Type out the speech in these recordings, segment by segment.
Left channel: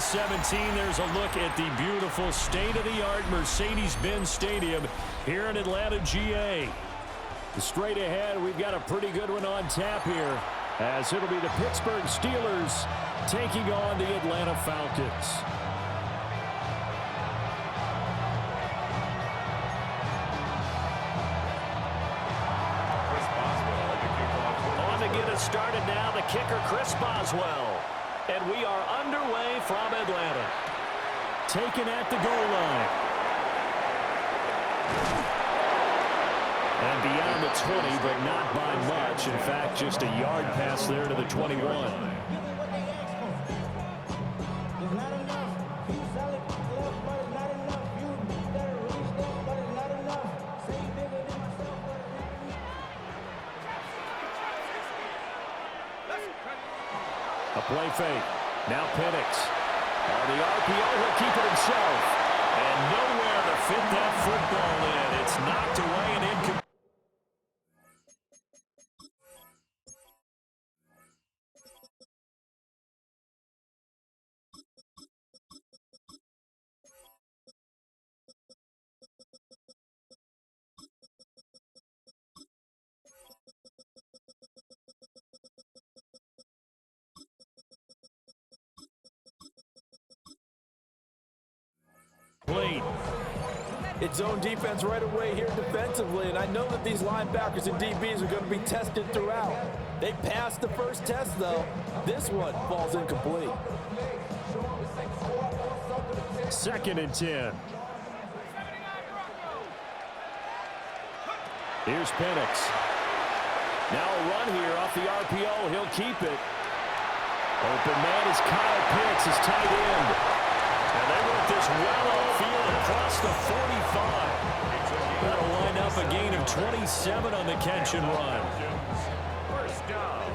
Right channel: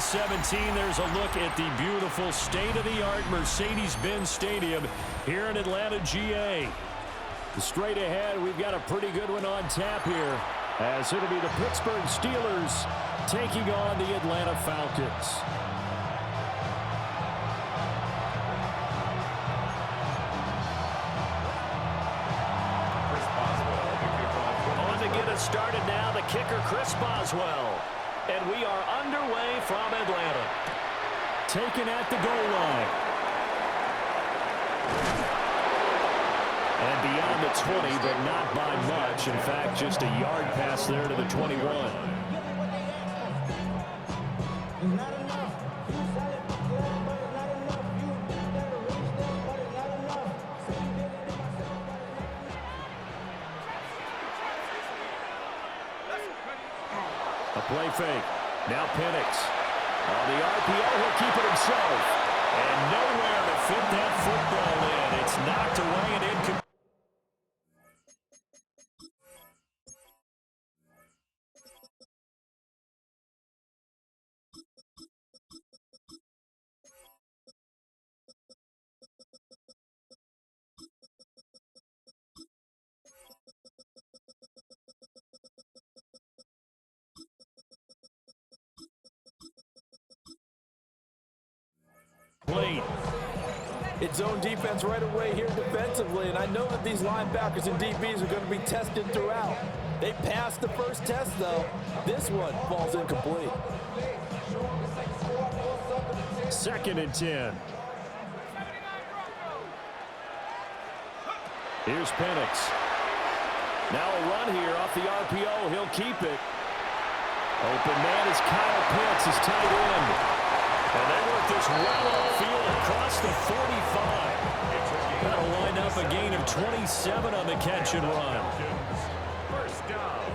2017, there's a look at the beautiful state-of-the-art Mercedes-Benz Stadium here in Atlanta, GA. Straight ahead, we've got a pretty good one on tap here, as it'll be the Pittsburgh Steelers taking on the Atlanta Falcons. On to get us started now, the kicker, Chris Boswell. And we are underway from Atlanta. Taken at the goal line. And beyond the 20, but not by much. In fact, just a yard pass there to the 21. A play fake. Now Penix. On the RPO, he'll keep it himself. And nowhere to fit that football in. It's knocked away and incomplete. It's zone defense right away here defensively, and I know that these linebackers and DBs are going to be tested throughout. They passed the first test, though. This one falls incomplete. 2nd and 10. Here's Penix. Now a run here off the RPO. He'll keep it. Open man is Kyle Pitts, his tight end. And they work this well upfield across the 45. That'll wind up a gain of 27 on the catch and run. First down.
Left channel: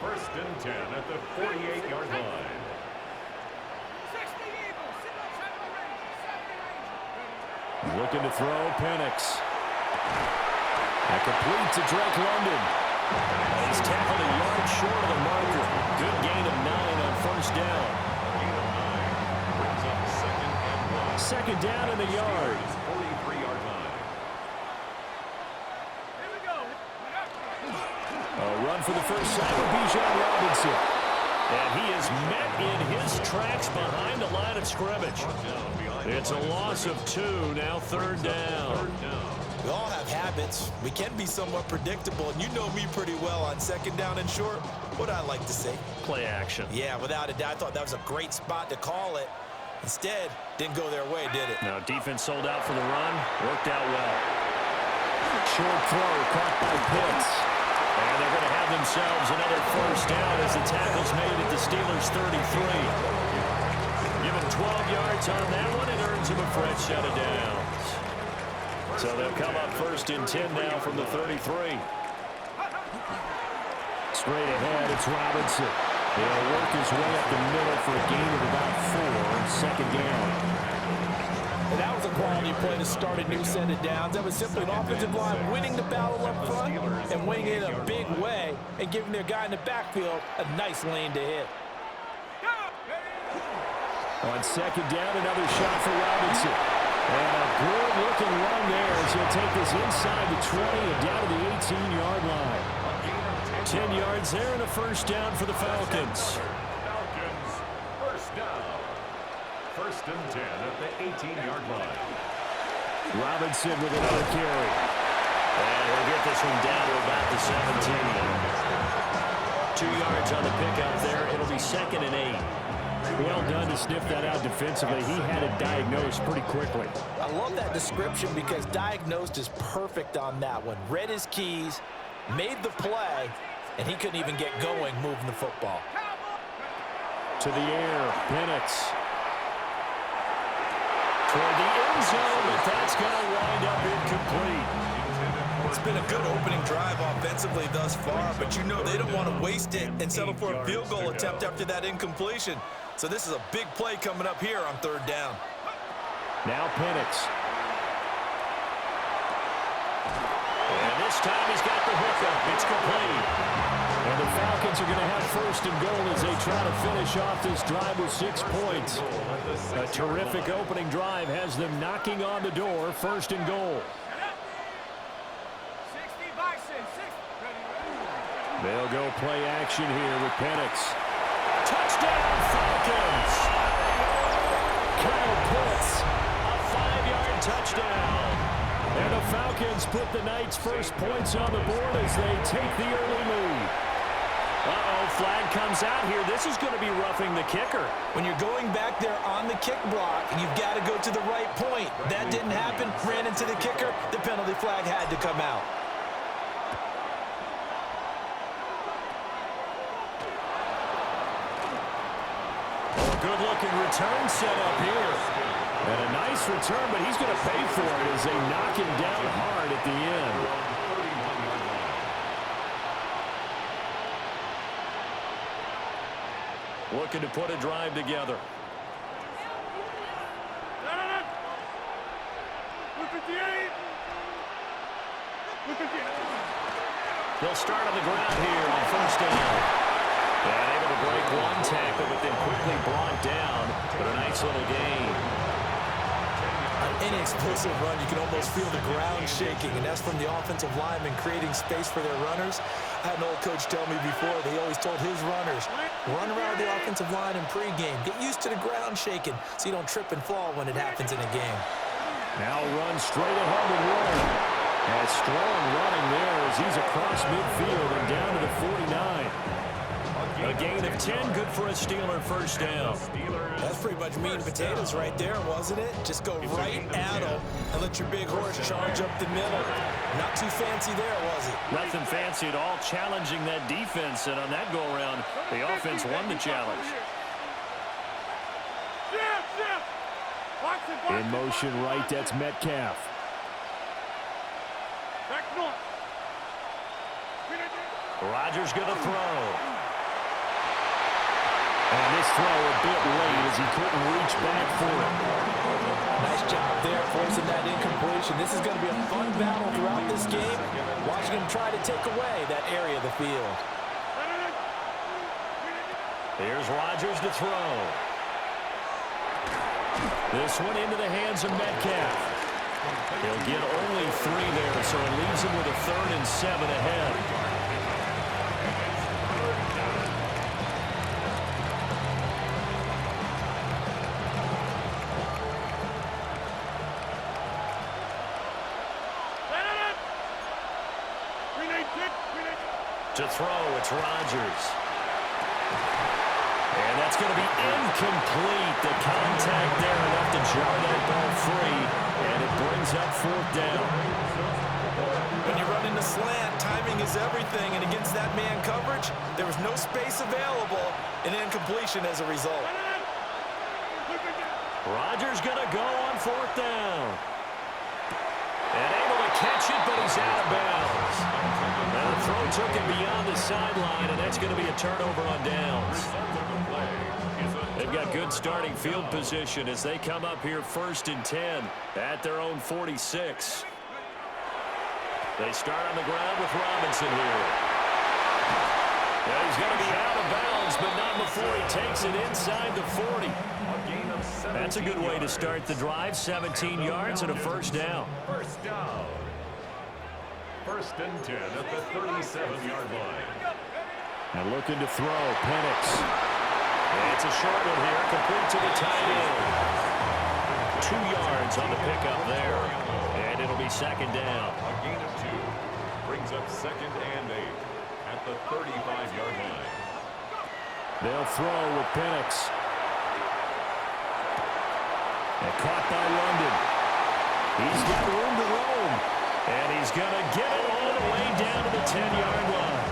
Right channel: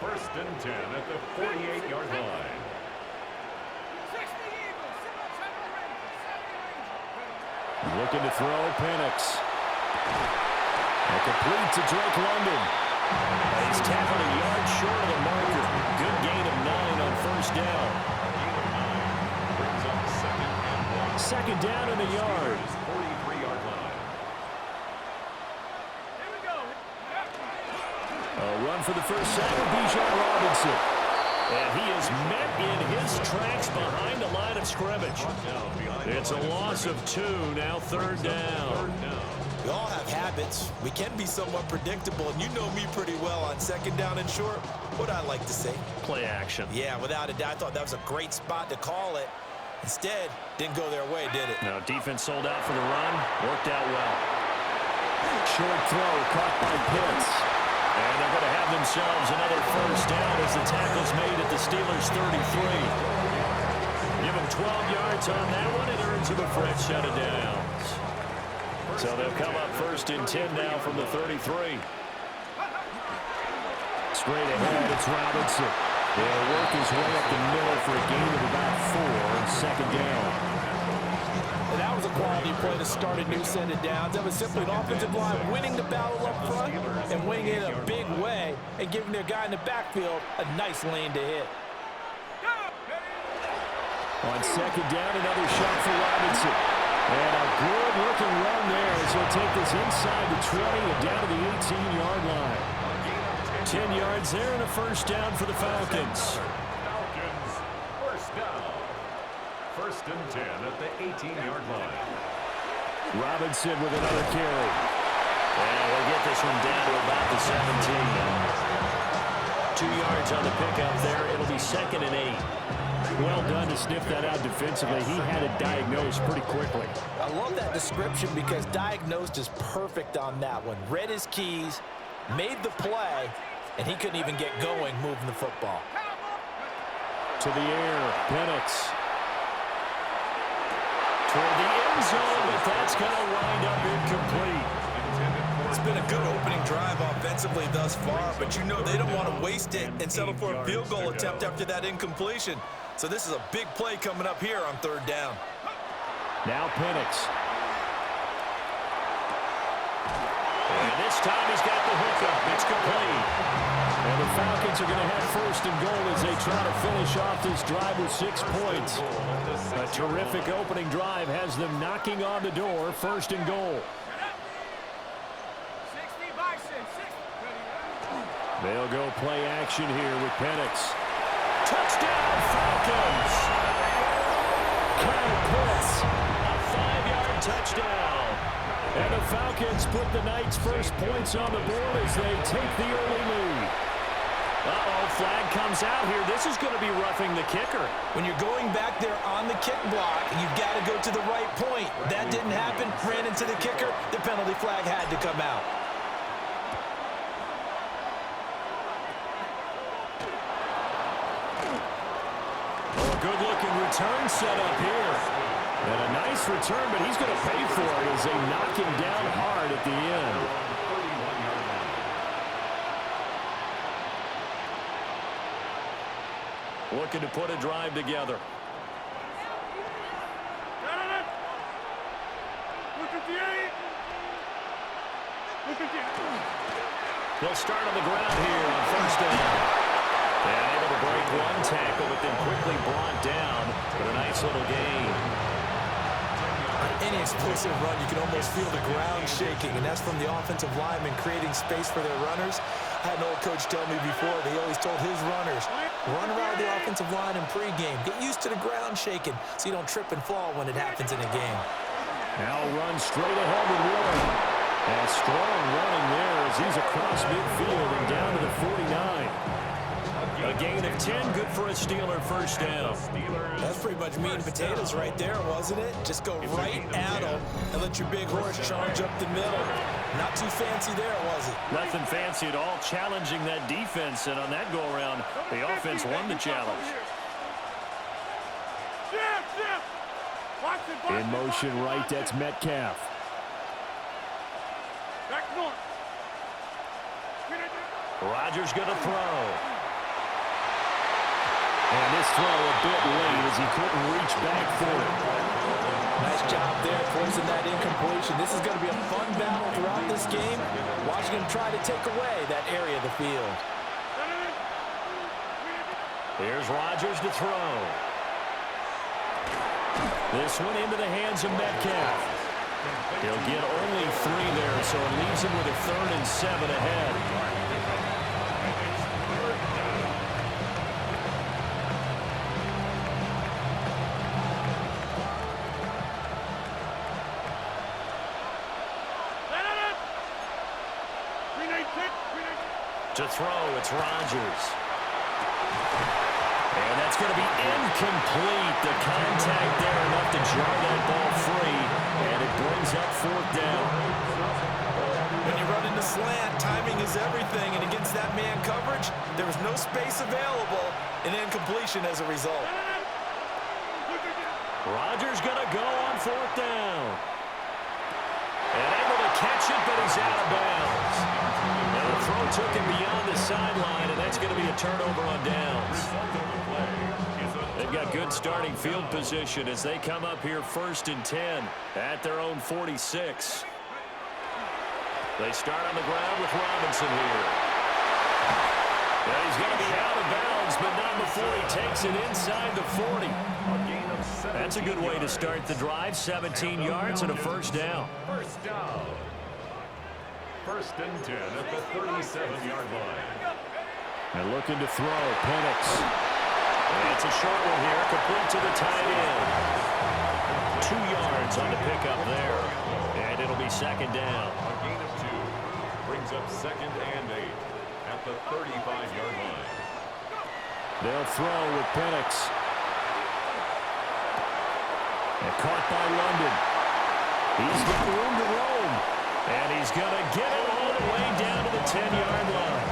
1st and 10 at the 48-yard line. Looking to throw, Penix. And complete to Drake London. He's tackled a yard short of the marker. Good gain of 9 on 1st down. Brings up 2nd and 1. 2nd down in the yard. 43-yard line. Here we go. A run for the first sack with Bijan Robinson. And he is met in his tracks behind the line of scrimmage. It's a loss of 2, now 3rd down. We all have habits. We can be somewhat predictable, and you know me pretty well on 2nd down and short. What I like to say? Play action. Yeah, without a doubt, I thought that was a great spot to call it. Instead, didn't go their way, did it? Now defense sold out for the run. Worked out well. Short throw caught by Pitts. And they're going to have themselves another 1st down as the tackle's made at the Steelers' 33. Give them 12 yards on that one. It earns them a fresh set of downs. So they'll come up 1st and 10 now from the 33. Straight ahead, it's Robinson. He'll work his way up the middle for a gain of about 4 on 2nd down. And that was a quality play to start a new set of downs. That was simply an offensive line winning the battle up front and winning it in a big way and giving their guy in the backfield a nice lane to hit. On 2nd down, another shot for Robinson. And a good-looking run there as he'll take this inside the 20 and down to the 18-yard line. 10 yards there and a 1st down for the Falcons. Falcons, 1st down. 1st and 10 at the 18-yard line. Robinson with another carry. And he'll get this one down to about the 17. 2 yards on the pickup there. It'll be 2nd and 8. Well done to sniff that out defensively. He had it diagnosed pretty quickly. I love that description because diagnosed is perfect on that one. Read his keys, made the play, and he couldn't even get going moving the football. To the air, Penix. Toward the end zone, but that's going to wind up incomplete. It's been a good opening drive offensively thus far, but you know they don't want to waste it and settle for a field goal attempt after that incompletion. So this is a big play coming up here on 3rd down. Now Penix. And this time he's got the hookup. It's complete. And the Falcons are going to have first and goal as they try to finish off this drive with 6 points. A terrific opening drive has them knocking on the door. First and goal. They'll go play action here with Penix. Touchdown, Falcons! Kyle Pitts, a 5-yard touchdown. And the Falcons put the Knights' first points on the board as they take the early lead. Uh-oh, flag comes out here. This is going to be roughing the kicker. When you're going back there on the kick block, you've got to go to the right point. That didn't happen. Ran into the kicker. The penalty flag had to come out. Oh, a good-looking return set up here. And a nice return, but he's going to pay for it as they knock him down hard at the end. Looking to put a drive together. They'll start on the ground here on first down. And able to break one tackle, but then quickly brought down. But a nice little gain. On any explosive run, you can almost feel the ground shaking, and that's from the offensive linemen creating space for their runners. I had an old coach tell me before, they always told his runners, run around the offensive line in pregame. Get used to the ground shaking so you don't trip and fall when it happens in a game. Now run straight ahead with Warren. And strong running there as he's across midfield and down to the 49. A gain of 10, good for a Steeler first down. That's pretty much meat and potatoes right there, wasn't it? Just go right at them and let your big horse charge up the middle. Not too fancy there, was it? Nothing fancy at all, challenging that defense. And on that go-around, the offense won the challenge. In motion right, that's Metcalf. Rodgers going to throw. And this throw a bit late as he couldn't reach back for it. Nice job there forcing that incompletion. This is going to be a fun battle throughout this game. Watching him try to take away that area of the field. Here's Rodgers to throw. This one into the hands of Metcalf. He'll get only 3 there, so it leaves him with a 3rd and 7 ahead. To throw, it's Rodgers. And that's going to be incomplete. The contact there enough to jar that ball free, and it brings up 4th down. When you run into slant, timing is everything, and against that man coverage, there was no space available, and incompletion as a result. Rodgers going to go on 4th down. And able to catch it, but he's out of bounds. And the throw took him beyond the sideline, and that's going to be a turnover on downs. They've got good starting field position as they come up here 1st and 10 at their own 46. They start on the ground with Robinson here. And he's going to be out of bounds, but not before he takes it inside the 40. That's a good way to start the drive. 17 yards and a first down. First down. 1st and 10 at the 37-yard line. And looking to throw, Penix. And it's a short one here, complete to the tight end. 2 yards on the pickup there. And it'll be 2nd down. A gain of 2 brings up 2nd and 8 at the 35-yard line. They'll throw with Penix. And caught by London. He's got room to roam. And he's going to get it all the way down to the 10-yard line.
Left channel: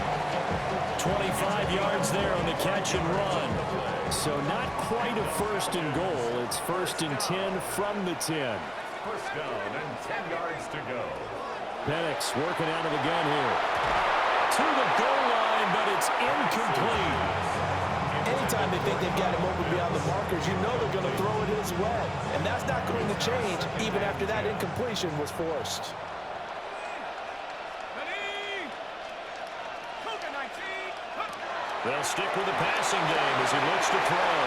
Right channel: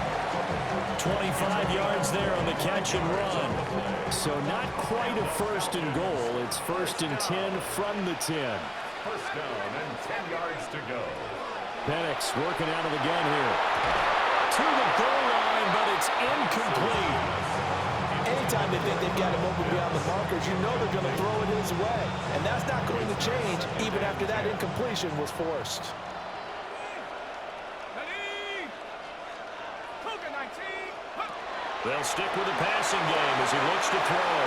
25 yards there on the catch and run. So not quite a 1st and goal. It's 1st and 10 from the 10. First down and 10 yards to go. Penix working out of the gun here. To the goal line, but it's incomplete. Anytime they think they've got him open beyond the markers, you know they're going to throw it his way. And that's not going to change even after that incompletion was forced. They'll stick with the passing game as he looks to throw.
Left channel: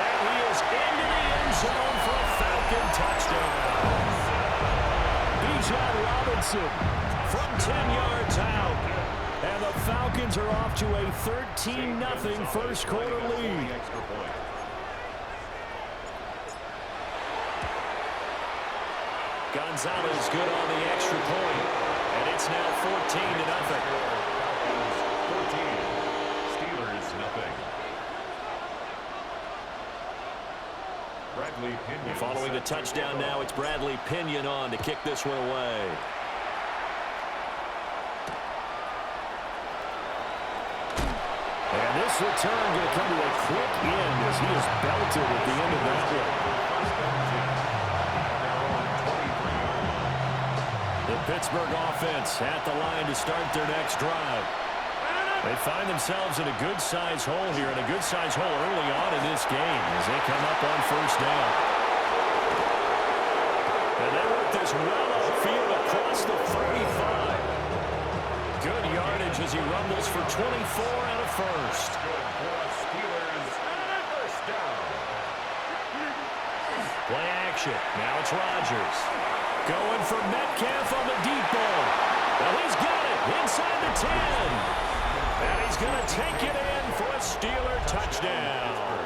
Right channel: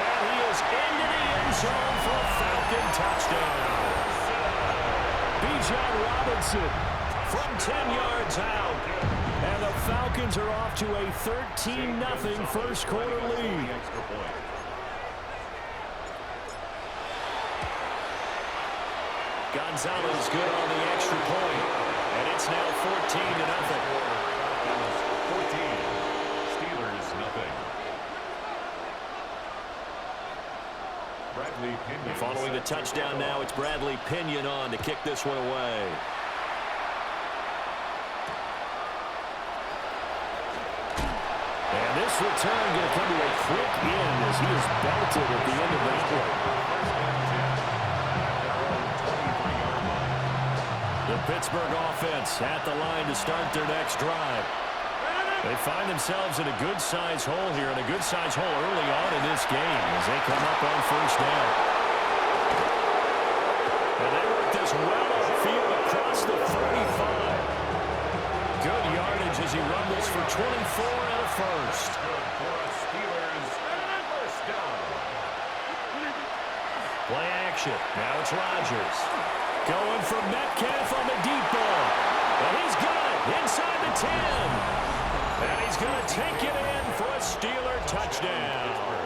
And he is into the end zone for a Falcon touchdown. Bijan Robinson from 10 yards out. And the Falcons are off to a 13-0 first quarter lead. Gonzalez good on the extra point. And it's now 14-0. Falcons 14. Steelers nothing. Bradley Pinion. Following the touchdown now, it's Bradley Pinion on to kick this one away. And this return going to come to a quick end as he is belted at the end of that one. First and 10 at their own 23-yard line. The Pittsburgh offense at the line to start their next drive. They find themselves in a good-sized hole here, and a good-sized hole early on in this game as they come up on first down. And they work this well upfield across the 35. Good yardage as he rumbles for 24 and a first. Good for a Steelers first down. Play action. Now it's Rodgers. Going for Metcalf on the deep ball. Well, he's got it inside the 10. And he's going to take it in for a Steeler touchdown.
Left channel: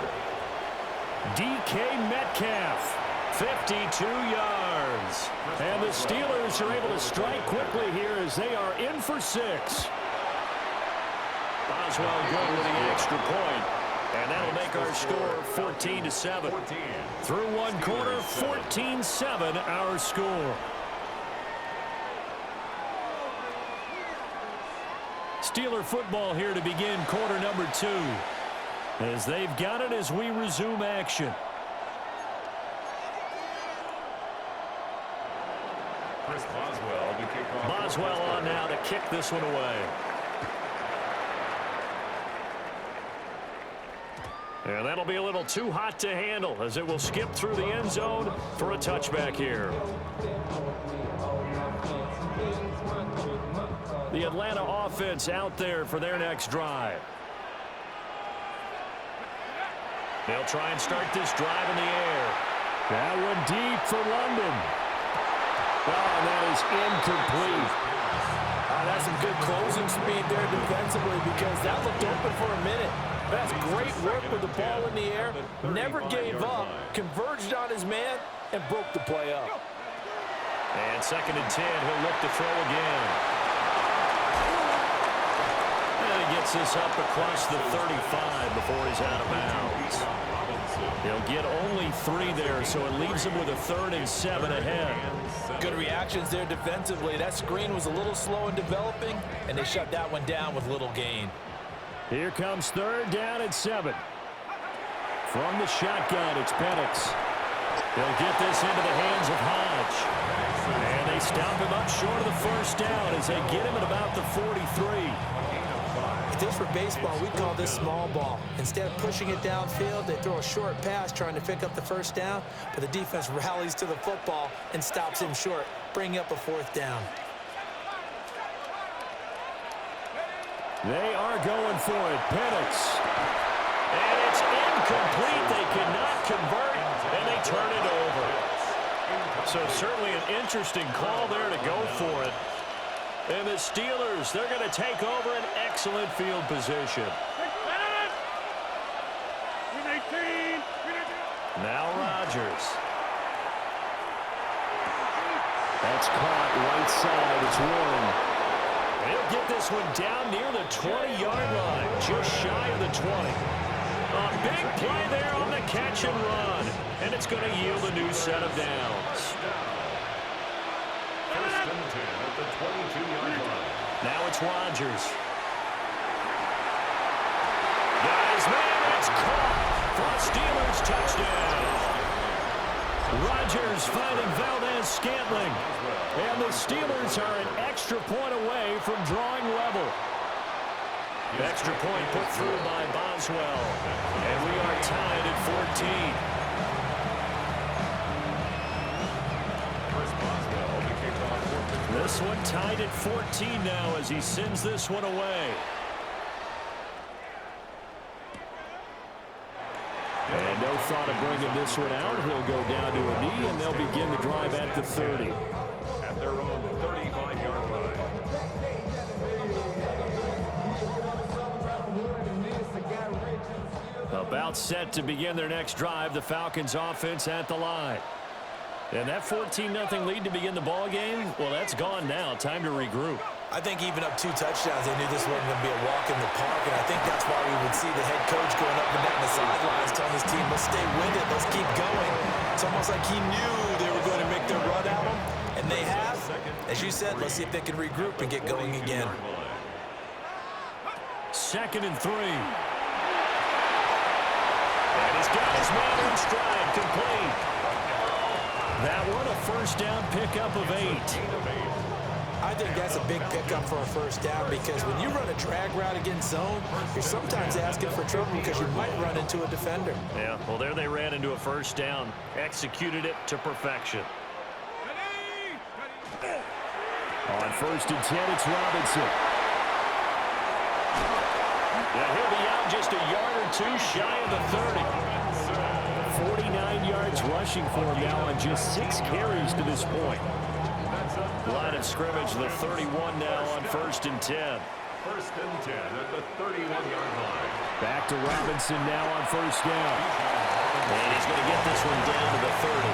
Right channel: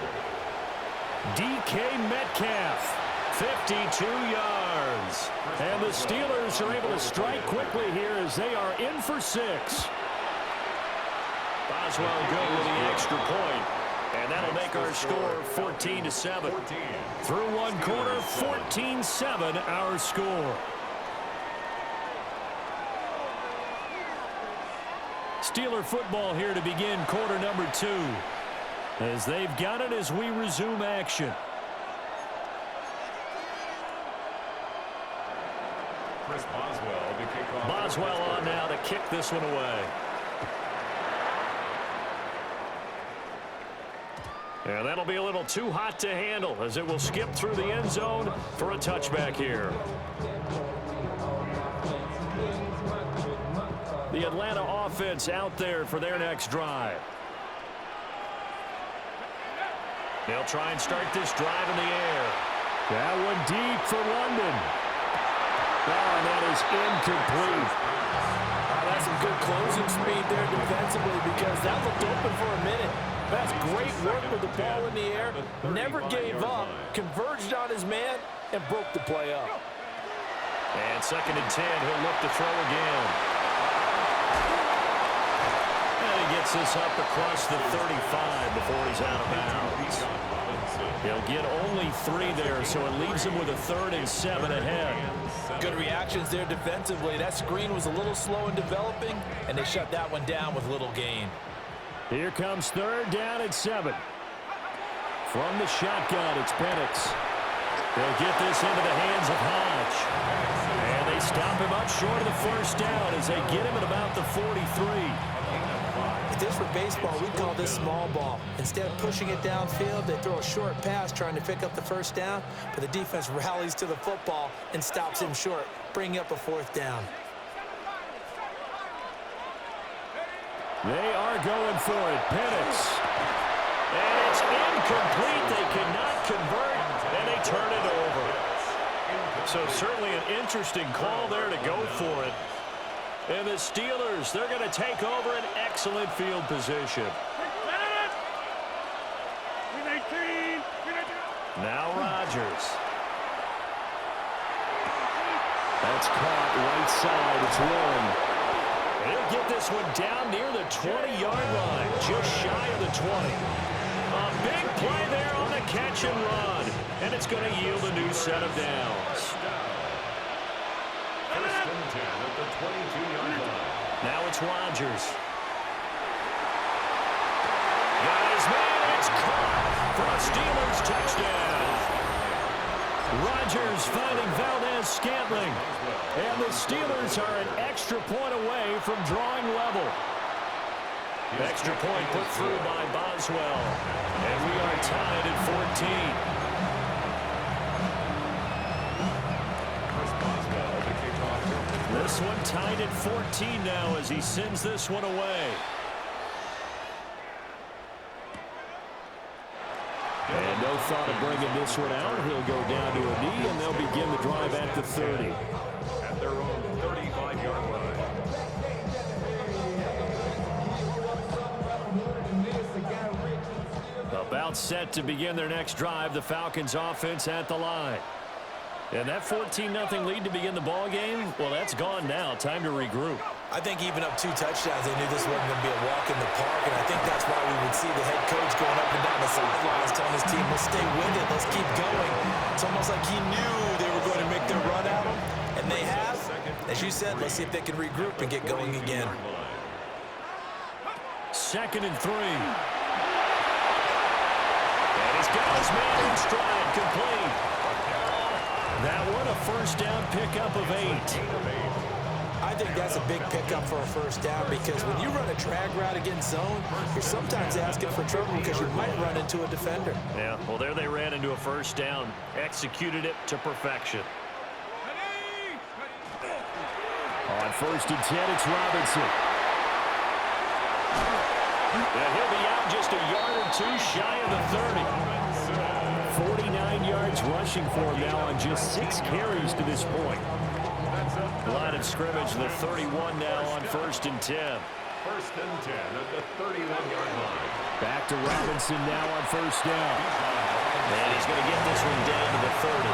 DK Metcalf, 52 yards. And the Steelers are able to strike quickly here as they are in for 6. Boswell good with the extra point. And that'll make our score 14-7. Through one quarter, 14-7 our score. Steeler football here to begin quarter number 2. As they've got it as we resume action. Chris Boswell to kick off. Boswell on now to kick this one away. And that'll be a little too hot to handle as it will skip through the end zone for a touchback here. The Atlanta offense out there for their next drive. They'll try and start this drive in the air. That one deep for London. Oh, and that is incomplete. That's some good closing speed there defensively because that looked open for a minute. That's great work with the ball in the air. Never gave up, converged on his man, and broke the play up. And 2nd and 10, he'll look to throw again. And he gets this up across the 35 before he's out of bounds. He'll get only 3 there, so it leaves him with a 3rd and 7 ahead. Good reactions there defensively. That screen was a little slow in developing, and they shut that one down with little gain. Here comes 3rd down and 7. From the shotgun, it's Penix. They'll get this into the hands of Hodge. And they stop him up short of the first down as they get him at about the 43. If this were baseball, we'd call this small ball. Instead of pushing it downfield, they throw a short pass trying to pick up the first down, but the defense rallies to the football and stops him short, bringing up a 4th down. They are going for it. Penix. And it's incomplete. They cannot convert, and they turn it over. So certainly an interesting call there to go for it. And the Steelers, they're going to take over an excellent field position. Now Rodgers. That's caught right side. It's Warren. And he'll get this one down near the 20-yard line, just shy of the 20. A big play there on the catch and run, and it's going to yield a new set of downs. 1st and 10 at the 22-yard line. Now it's Rodgers. Got his man, it's caught for a Steelers touchdown. Rodgers finding Valdez-Scantling. And the Steelers are an extra point away from drawing level. Extra point put through by Boswell. And we are tied at 14. Chris Boswell to kick off. This one tied at 14 now as he sends this one away. And no thought of bringing this one out. He'll go down to a knee, and they'll begin the drive at the 30. At their own 35-yard line. About set to begin their next drive, the Falcons offense at the line. And that 14-0 lead to begin the ball game, well, that's gone now. Time to regroup. I think even up 2 touchdowns, they knew this wasn't going to be a walk in the park, and I think that's why we would see the head coach going up and down the sidelines telling his team, let's stay with it, let's keep going. It's almost like he knew they were going to make their run at him, and they have. As you said, let's see if they can regroup and get going again. 2nd and 3. And he's got his man in stride, complete. That one, a first down pickup of 8. I think that's a big pickup for a first down because when you run a drag route against zone, you're sometimes asking for trouble because you might run into a defender. Yeah, well, there they ran into a first down. Executed it to perfection. On 1st and 10, it's Robinson. And he'll be out just a yard or 2 shy of the 30. 49 yards rushing for him now on just 6 carries to this point. Line of scrimmage, the 31 now on 1st and 10. 1st and 10 at the 31-yard line. Back to Robinson now on 1st down. And he's going to get this one down to the 30.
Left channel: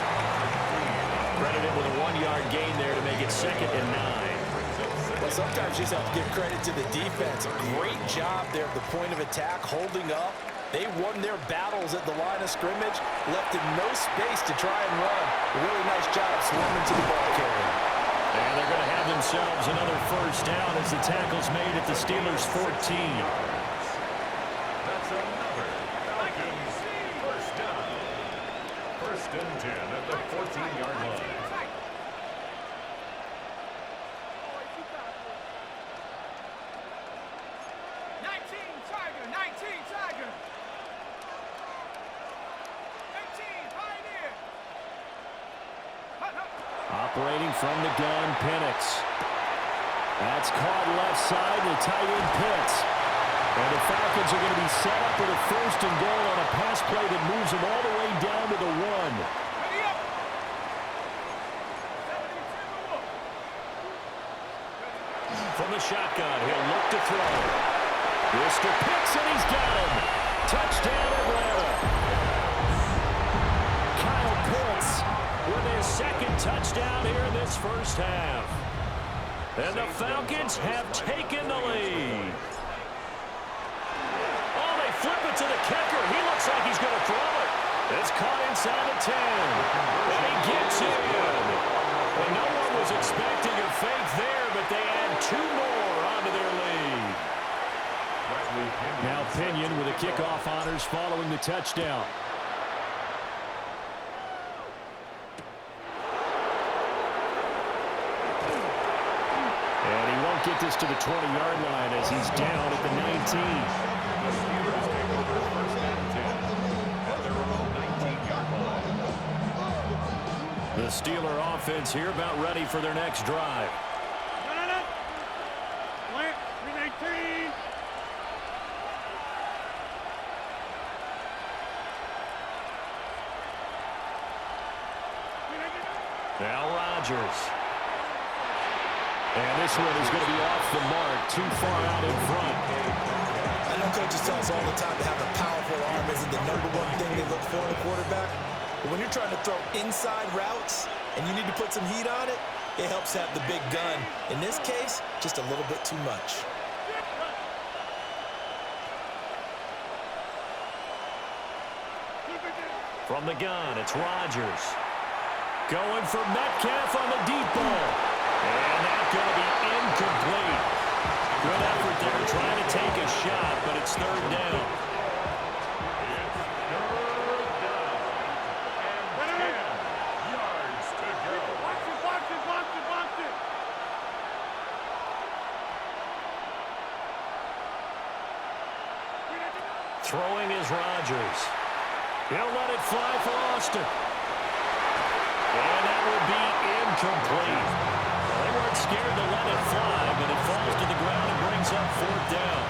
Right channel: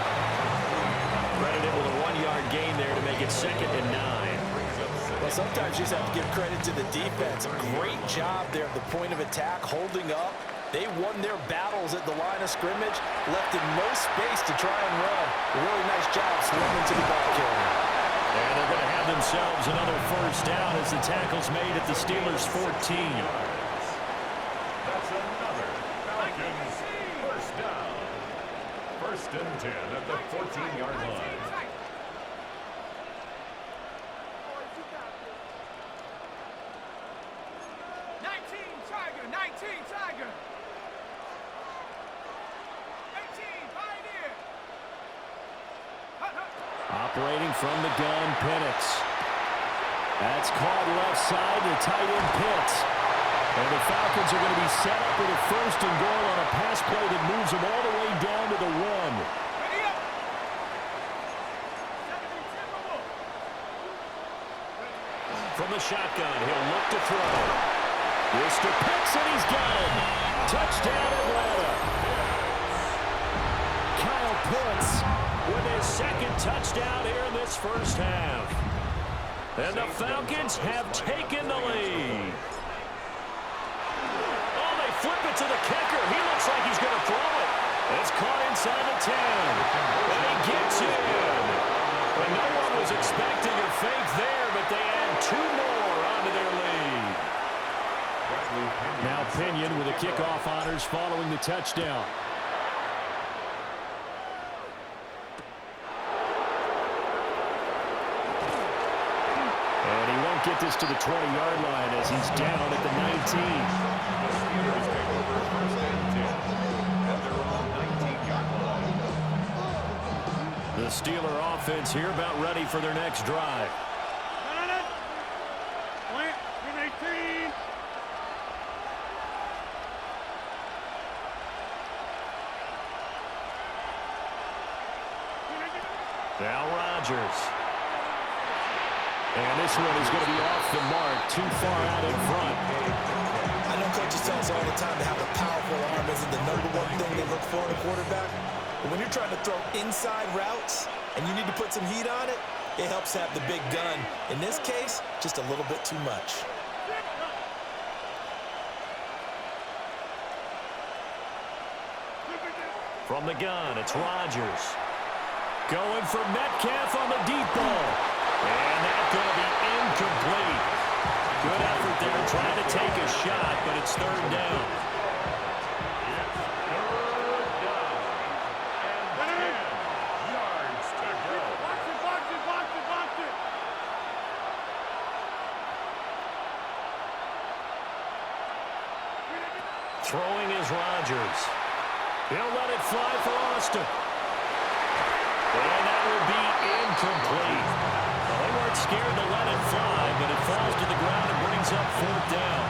Credited with a 1-yard gain there to make it 2nd and 9. Well, sometimes you just have to give credit to the defense. Great job there at the point of attack, holding up. They won their battles at the line of scrimmage, left him no space to try and run. A really nice job swarming to the ball carrier. And they're going to have themselves another first down as the tackle's made at the Steelers' 14. That's another Falcons first down. 1st and 10 at the 14-yard line. 19 Tiger. 18 Pioneer. Operating from the gun, Penix. That's caught left side to tight end Pitts. And the Falcons are going to be set up with a 1st and goal on a pass play that moves them all the way down to the 1. Ready up. 70 Timberwolf. From the shotgun, he'll look to throw. Mr. Pitts, and he's got him. Touchdown, Atlanta. Kyle Pitts with his 2nd touchdown here in this first half. And the Falcons have taken the lead. Oh, they flip it to the kicker. He looks like he's going to throw it. It's caught inside the 10. And he gets in. But no one was expecting a fake there, but they add 2 more onto their lead. Now Pinion with the kickoff honors following the touchdown. And he won't get this to the 20-yard line as he's down at the 19. The Steelers take over 1st and 10 at their own 19-yard line. The Steeler offense here about ready for their next drive. Plant 319. Now Rodgers. And this one is going to be off the mark, too far out in front. I know coaches tell us all the time to have a powerful arm isn't the #1 thing they look for in a quarterback. But when you're trying to throw inside routes and you need to put some heat on it, it helps have the big gun. In this case, just a little bit too much. From the gun, it's Rodgers. Going for Metcalf on the deep ball. And that's going to be incomplete. Good effort there trying to take a shot, but it's 3rd down. It's 3rd down. And 10 yards to go. Box it. Throwing is Rodgers. He'll let it fly for Austin. And that will be incomplete. Well, they weren't scared to let it fly, but it falls to the ground and brings up 4th down.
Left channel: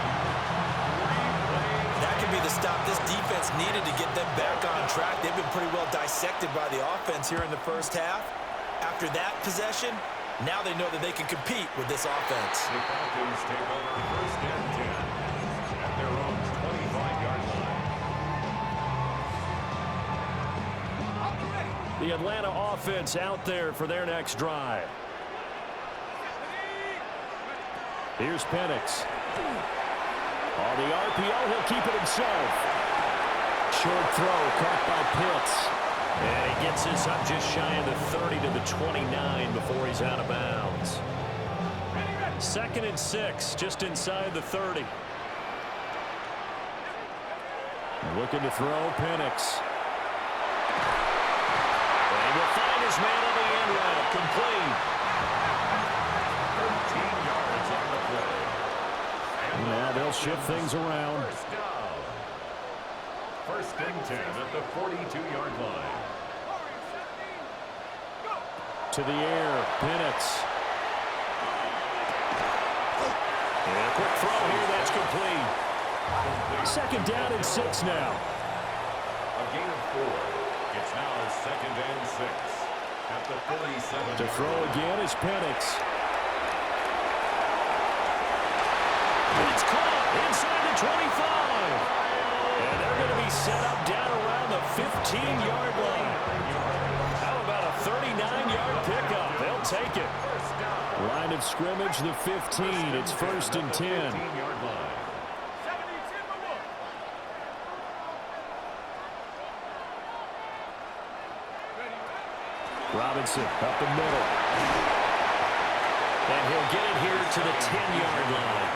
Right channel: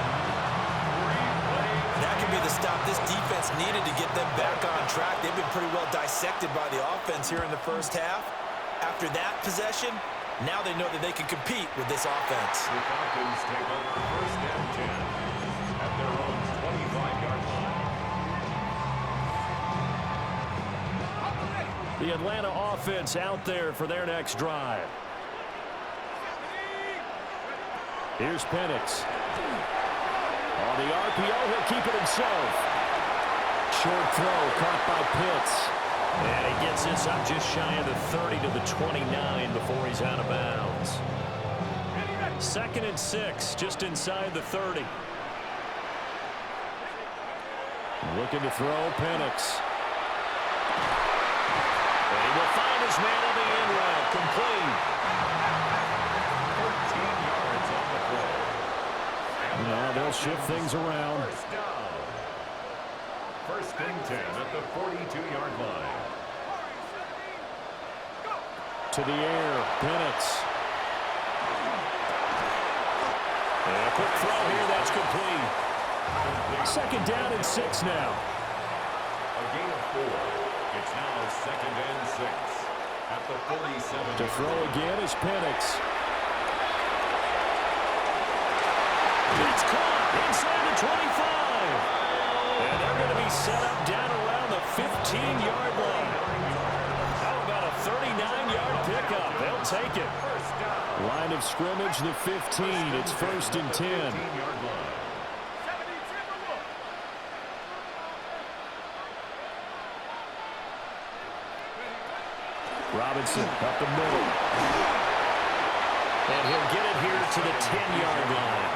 That could be the stop this defense needed to get them back on track. They've been pretty well dissected by the offense here in the first half. After that possession, now they know that they can compete with this offense. The Falcons take over first and 10 at their own 25-yard line. The Atlanta offense out there for their next drive. Here's Penix. On the RPO, he'll keep it himself. Short throw caught by Pitts. And he gets this up just shy of the 30 to the 29 before he's out of bounds. 2nd and 6, just inside the 30. Looking to throw, Penix. And he will find his man on the end route, complete. 13 yards on the play. And now they'll shift things around. First down. 1st and 10 at the 42-yard line. To the air, Penix. And a quick throw here, that's complete. 2nd down and 6 now. A gain of 4. It's now 2nd and 6 at the 47. To throw again is Penix. It's caught inside the 25. And they're going to be set up down around the 15-yard line. How about a 39-yard pickup? They'll take it. Line of scrimmage, the 15. It's 1st and 10. Robinson up the middle. And he'll get it here to the 10-yard line.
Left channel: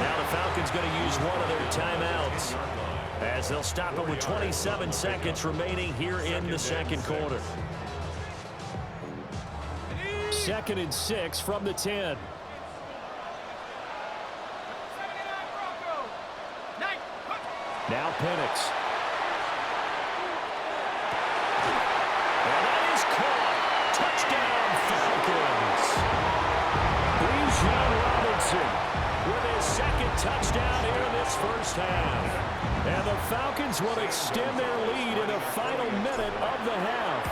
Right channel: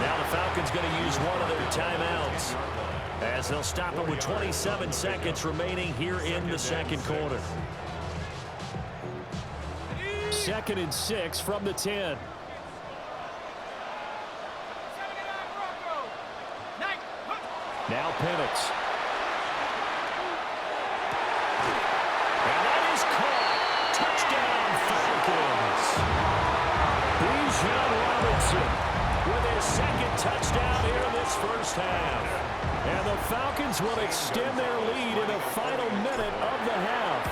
Now the Falcons going to use one of their timeouts as they'll stop it with 27 seconds remaining here in the 2nd quarter. 2nd and 6 from the 10. Now Penix. And that is caught. Touchdown, Falcons. Bijan Robinson with his 2nd touchdown here in this first half. And the Falcons will extend their lead in the final minute of the half.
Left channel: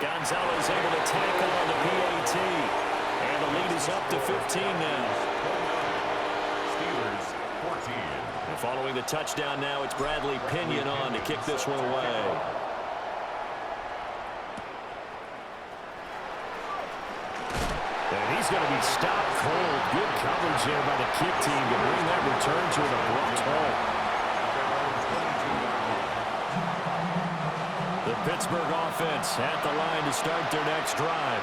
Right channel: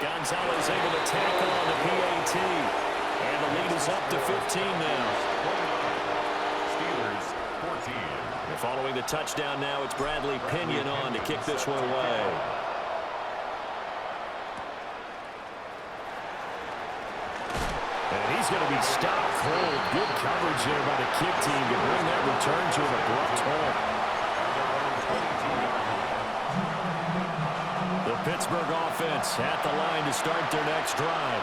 Gonzalez able to tackle on the PAT. And the lead is up to 15 now. Steelers 14. And following the touchdown now, it's Bradley Pinion on to kick this one away. And he's going to be stopped cold. Good coverage there by the kick team to bring that return to an abrupt halt. The Pittsburgh offense at the line to start their next drive.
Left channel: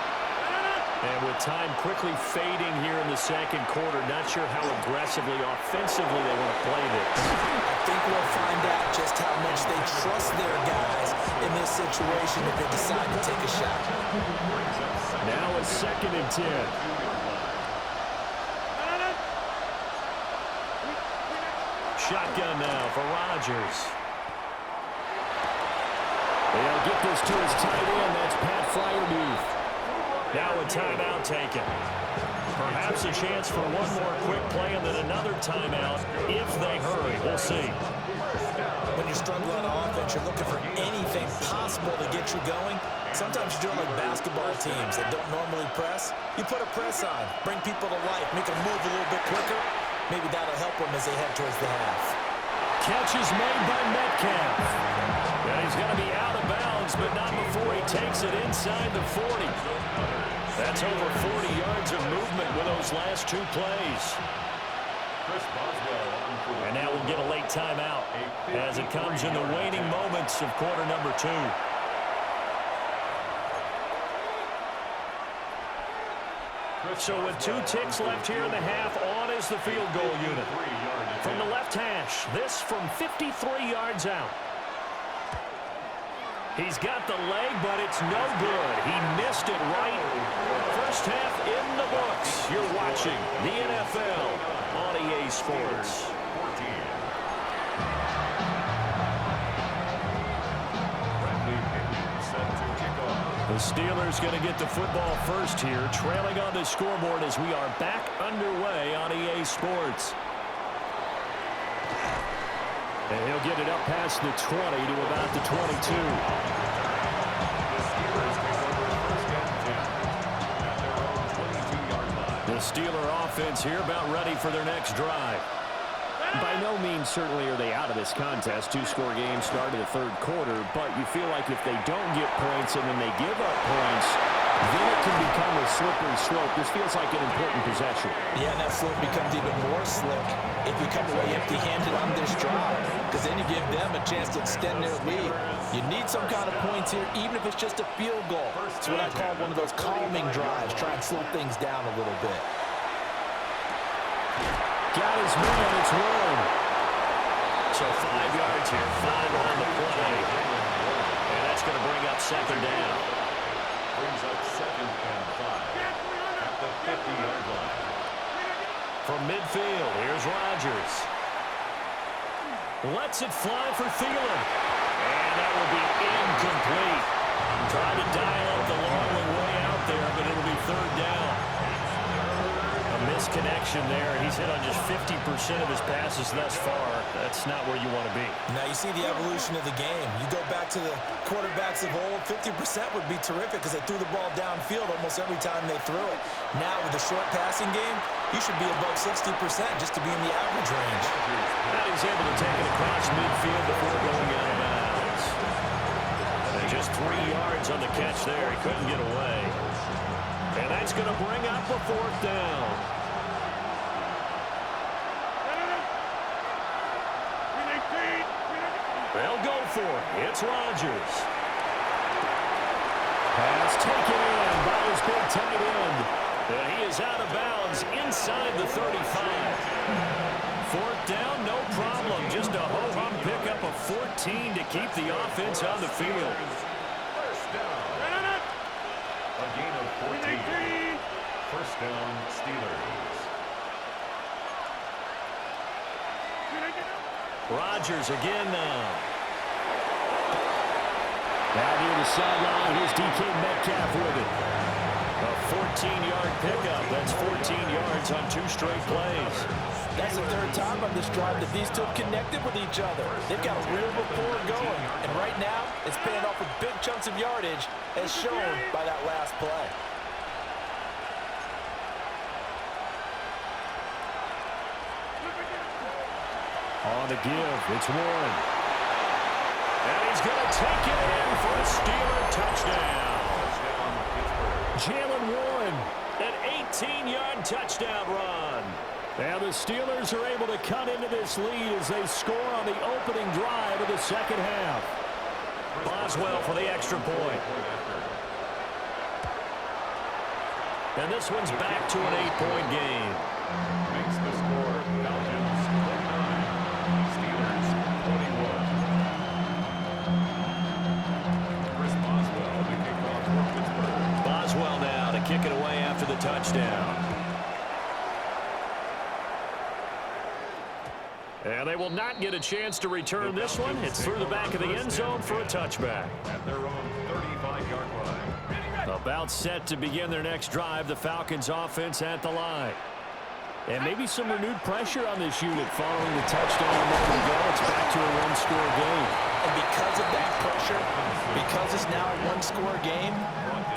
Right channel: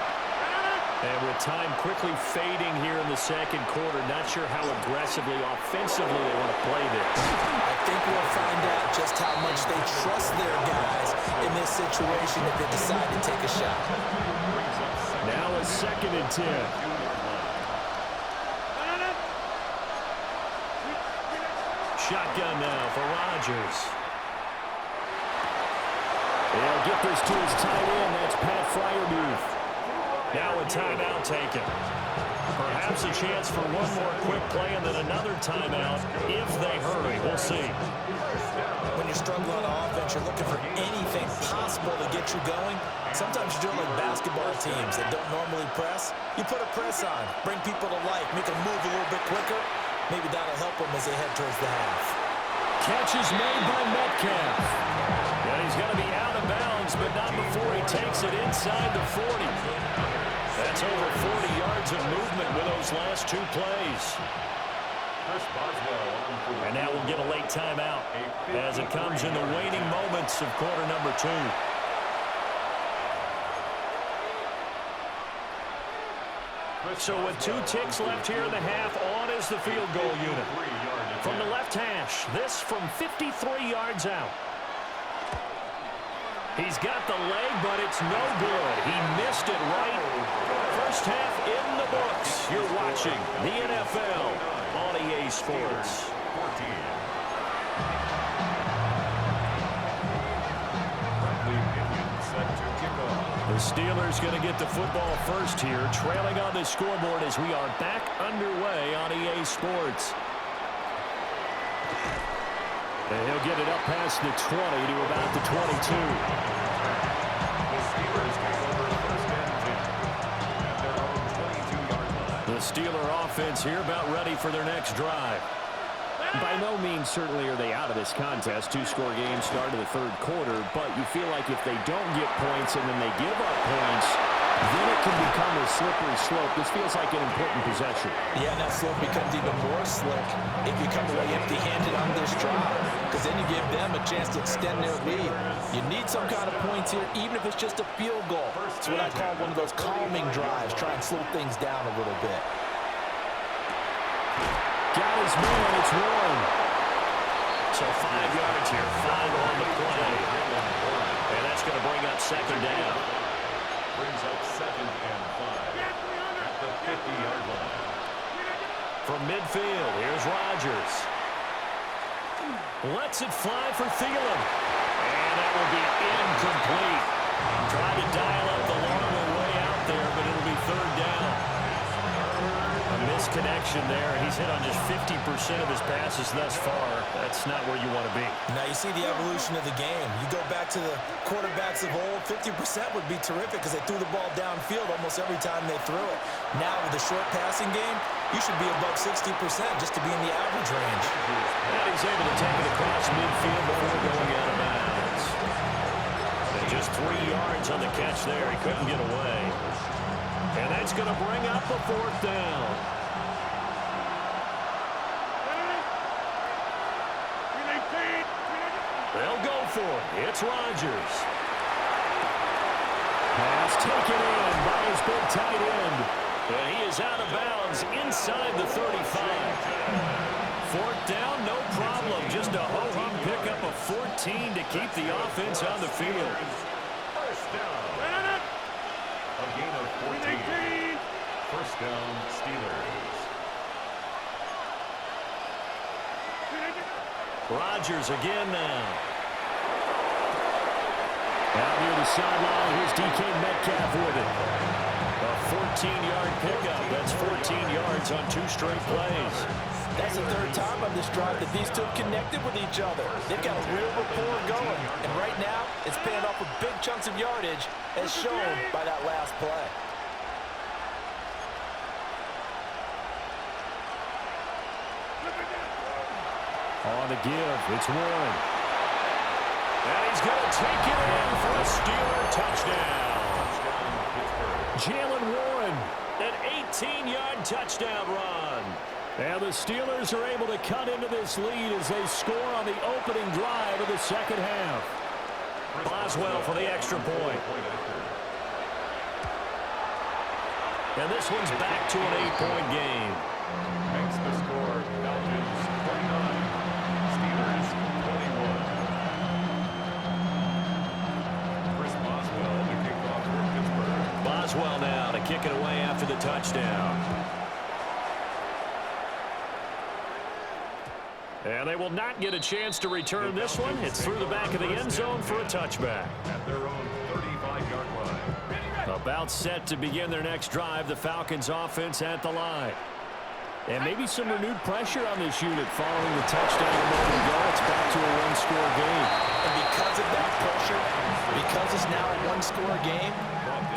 And with time quickly fading here in the 2nd quarter, not sure how aggressively, offensively they want to play this. I think we'll find out just how much they trust their guys in this situation if they decide to take a shot. Now it's 2nd and 10. Shotgun now for Rodgers. They'll get this to his tight end. That's Pat Freiermuth. Now a timeout taken. Perhaps a chance for one more quick play and then another timeout if they hurry. We'll see. When you struggle on offense, you're looking for anything possible to get you going. Sometimes you're doing like basketball teams that don't normally press. You put a press on, bring people to life, make them move a little bit quicker. Maybe that'll help them as they head towards the half. Catch is made by Metcalf. And he's going to be out of bounds, but not before he takes it inside the 40. That's over 40 yards of movement with those last 2 plays. And now we'll get a late timeout as it comes in the waning moments of quarter number 2. So with 2 ticks left here in the half, on is the field goal unit. From the left hash, this from 53 yards out. He's got the leg, but it's no good. He missed it right. First half in the books. You're watching the NFL on EA Sports. The Steelers going to get the football first here, trailing on the scoreboard as we are back underway on EA Sports. And he'll get it up past the 20 to about the 22. The Steelers take over first and 10 at their own 22-yard line. The Steeler offense here about ready for their next drive. By no means certainly are they out of this contest. Two-score game start of the third quarter, but you feel like if they don't get points and then they give up points, then it can become a slippery slope. This feels like an important possession. Yeah, and that slope becomes even more slick if you come away empty-handed on this drive, because then you give them a chance to extend their lead. You need some kind of points here, even if it's just a field goal. It's what I call one of those calming drives. Try and slow things down a little bit. Got his man, it's Warren. So 5 yards here, 5 on the play. And that's going to bring up second down. Brings up second and 5 at the 50-yard line. From midfield, here's Rodgers. Lets it fly for Thielen. And that will be incomplete. Tried to dial up the long way out there, but it'll be third down. A misconnection there. He's hit on just 50% of his passes thus far. That's not where you want to be. Now you see the evolution of the game. You go back to the quarterbacks of old, 50% would be terrific because they threw the ball downfield almost every time they threw it. Now with the short passing game, you should be above 60% just to be in the average range. And he's able to take it across midfield before going out of bounds. And just 3 yards on the catch there. He couldn't get away. And that's going to bring up a fourth down. They'll go for it. It's Rodgers. Pass taken in by his big tight end. And he is out of bounds inside the 35. Fourth down, no problem. Just a ho-hum pickup of 14 to keep the offense on the field. First down. A gain of 14. First down, Steelers. Rodgers again now. Out near the sideline, here's DK Metcalf with it. A 14-yard pickup. That's 14 yards on 2 straight plays. That's the third time on this drive that these two have connected with each other. They've got a real rapport going. And right now, it's paying off with big chunks of yardage, as shown by that last play. On the give, it's Warren. And he's going to take it in for a Steeler touchdown. Jalen Warren, an 18-yard touchdown run. And the Steelers are able to cut into this lead as they score on the opening drive of the second half. Boswell for the extra point. And this one's back to an 8-point game. Makes the score Falcons 29, Steelers 21. Chris Boswell to kick off for Pittsburgh. Boswell now to kick it away after the touchdown. And they will not get a chance to return this one. It's through the back of the end zone for a touchback. At their own 35-yard line. About set to begin their next drive, the Falcons offense at the line. And maybe some renewed pressure on this unit following the touchdown a moment ago. It's back to a one-score game. And because of that pressure, because it's now a one-score game,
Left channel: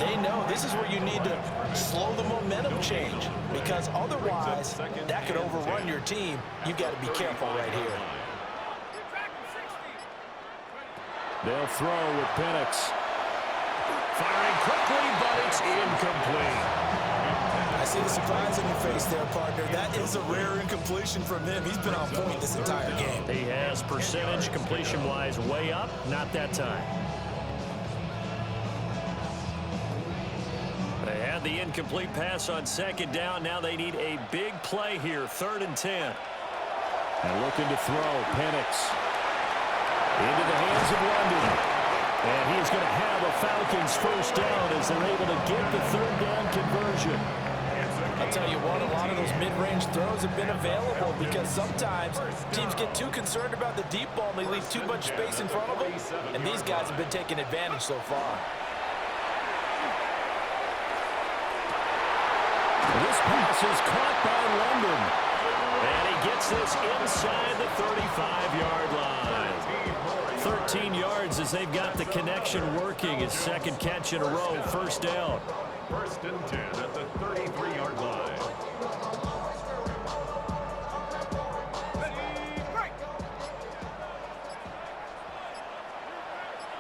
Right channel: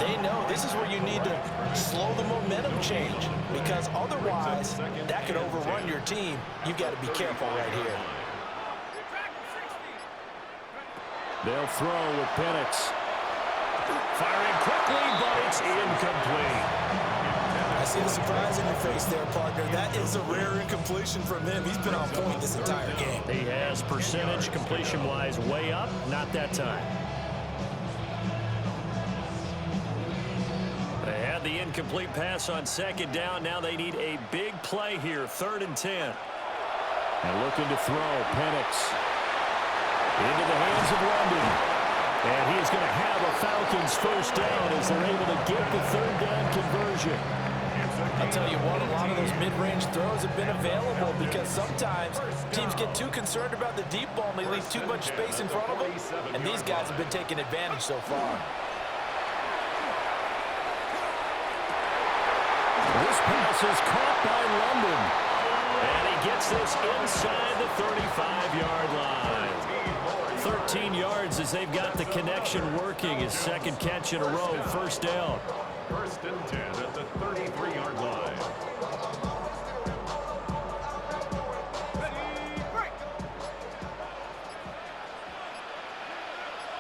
they know this is where you need to slow the momentum change, because otherwise that could overrun your team. You've got to be careful right here. They'll throw with Penix. Firing quickly, but it's incomplete. I see the surprise in your face there, partner. That is a rare incompletion from him. He's been on point this entire game. He has percentage completion-wise way up, not that time. They had the incomplete pass on second down. Now they need a big play here, 3rd and 10. And looking to throw, Penix into the hands of London. And he is going to have a Falcons first down as they're able to get the 3rd down conversion. I'll tell you what, a lot of those mid-range throws have been available because sometimes teams get too concerned about the deep ball and they leave too much space in front of them. And these guys have been taking advantage so far. This pass is caught by London. And he gets this inside the 35-yard line. 13 yards as they've got the connection working. His second catch in a row, first down. First and 10 at the 33-yard line. Ready, break.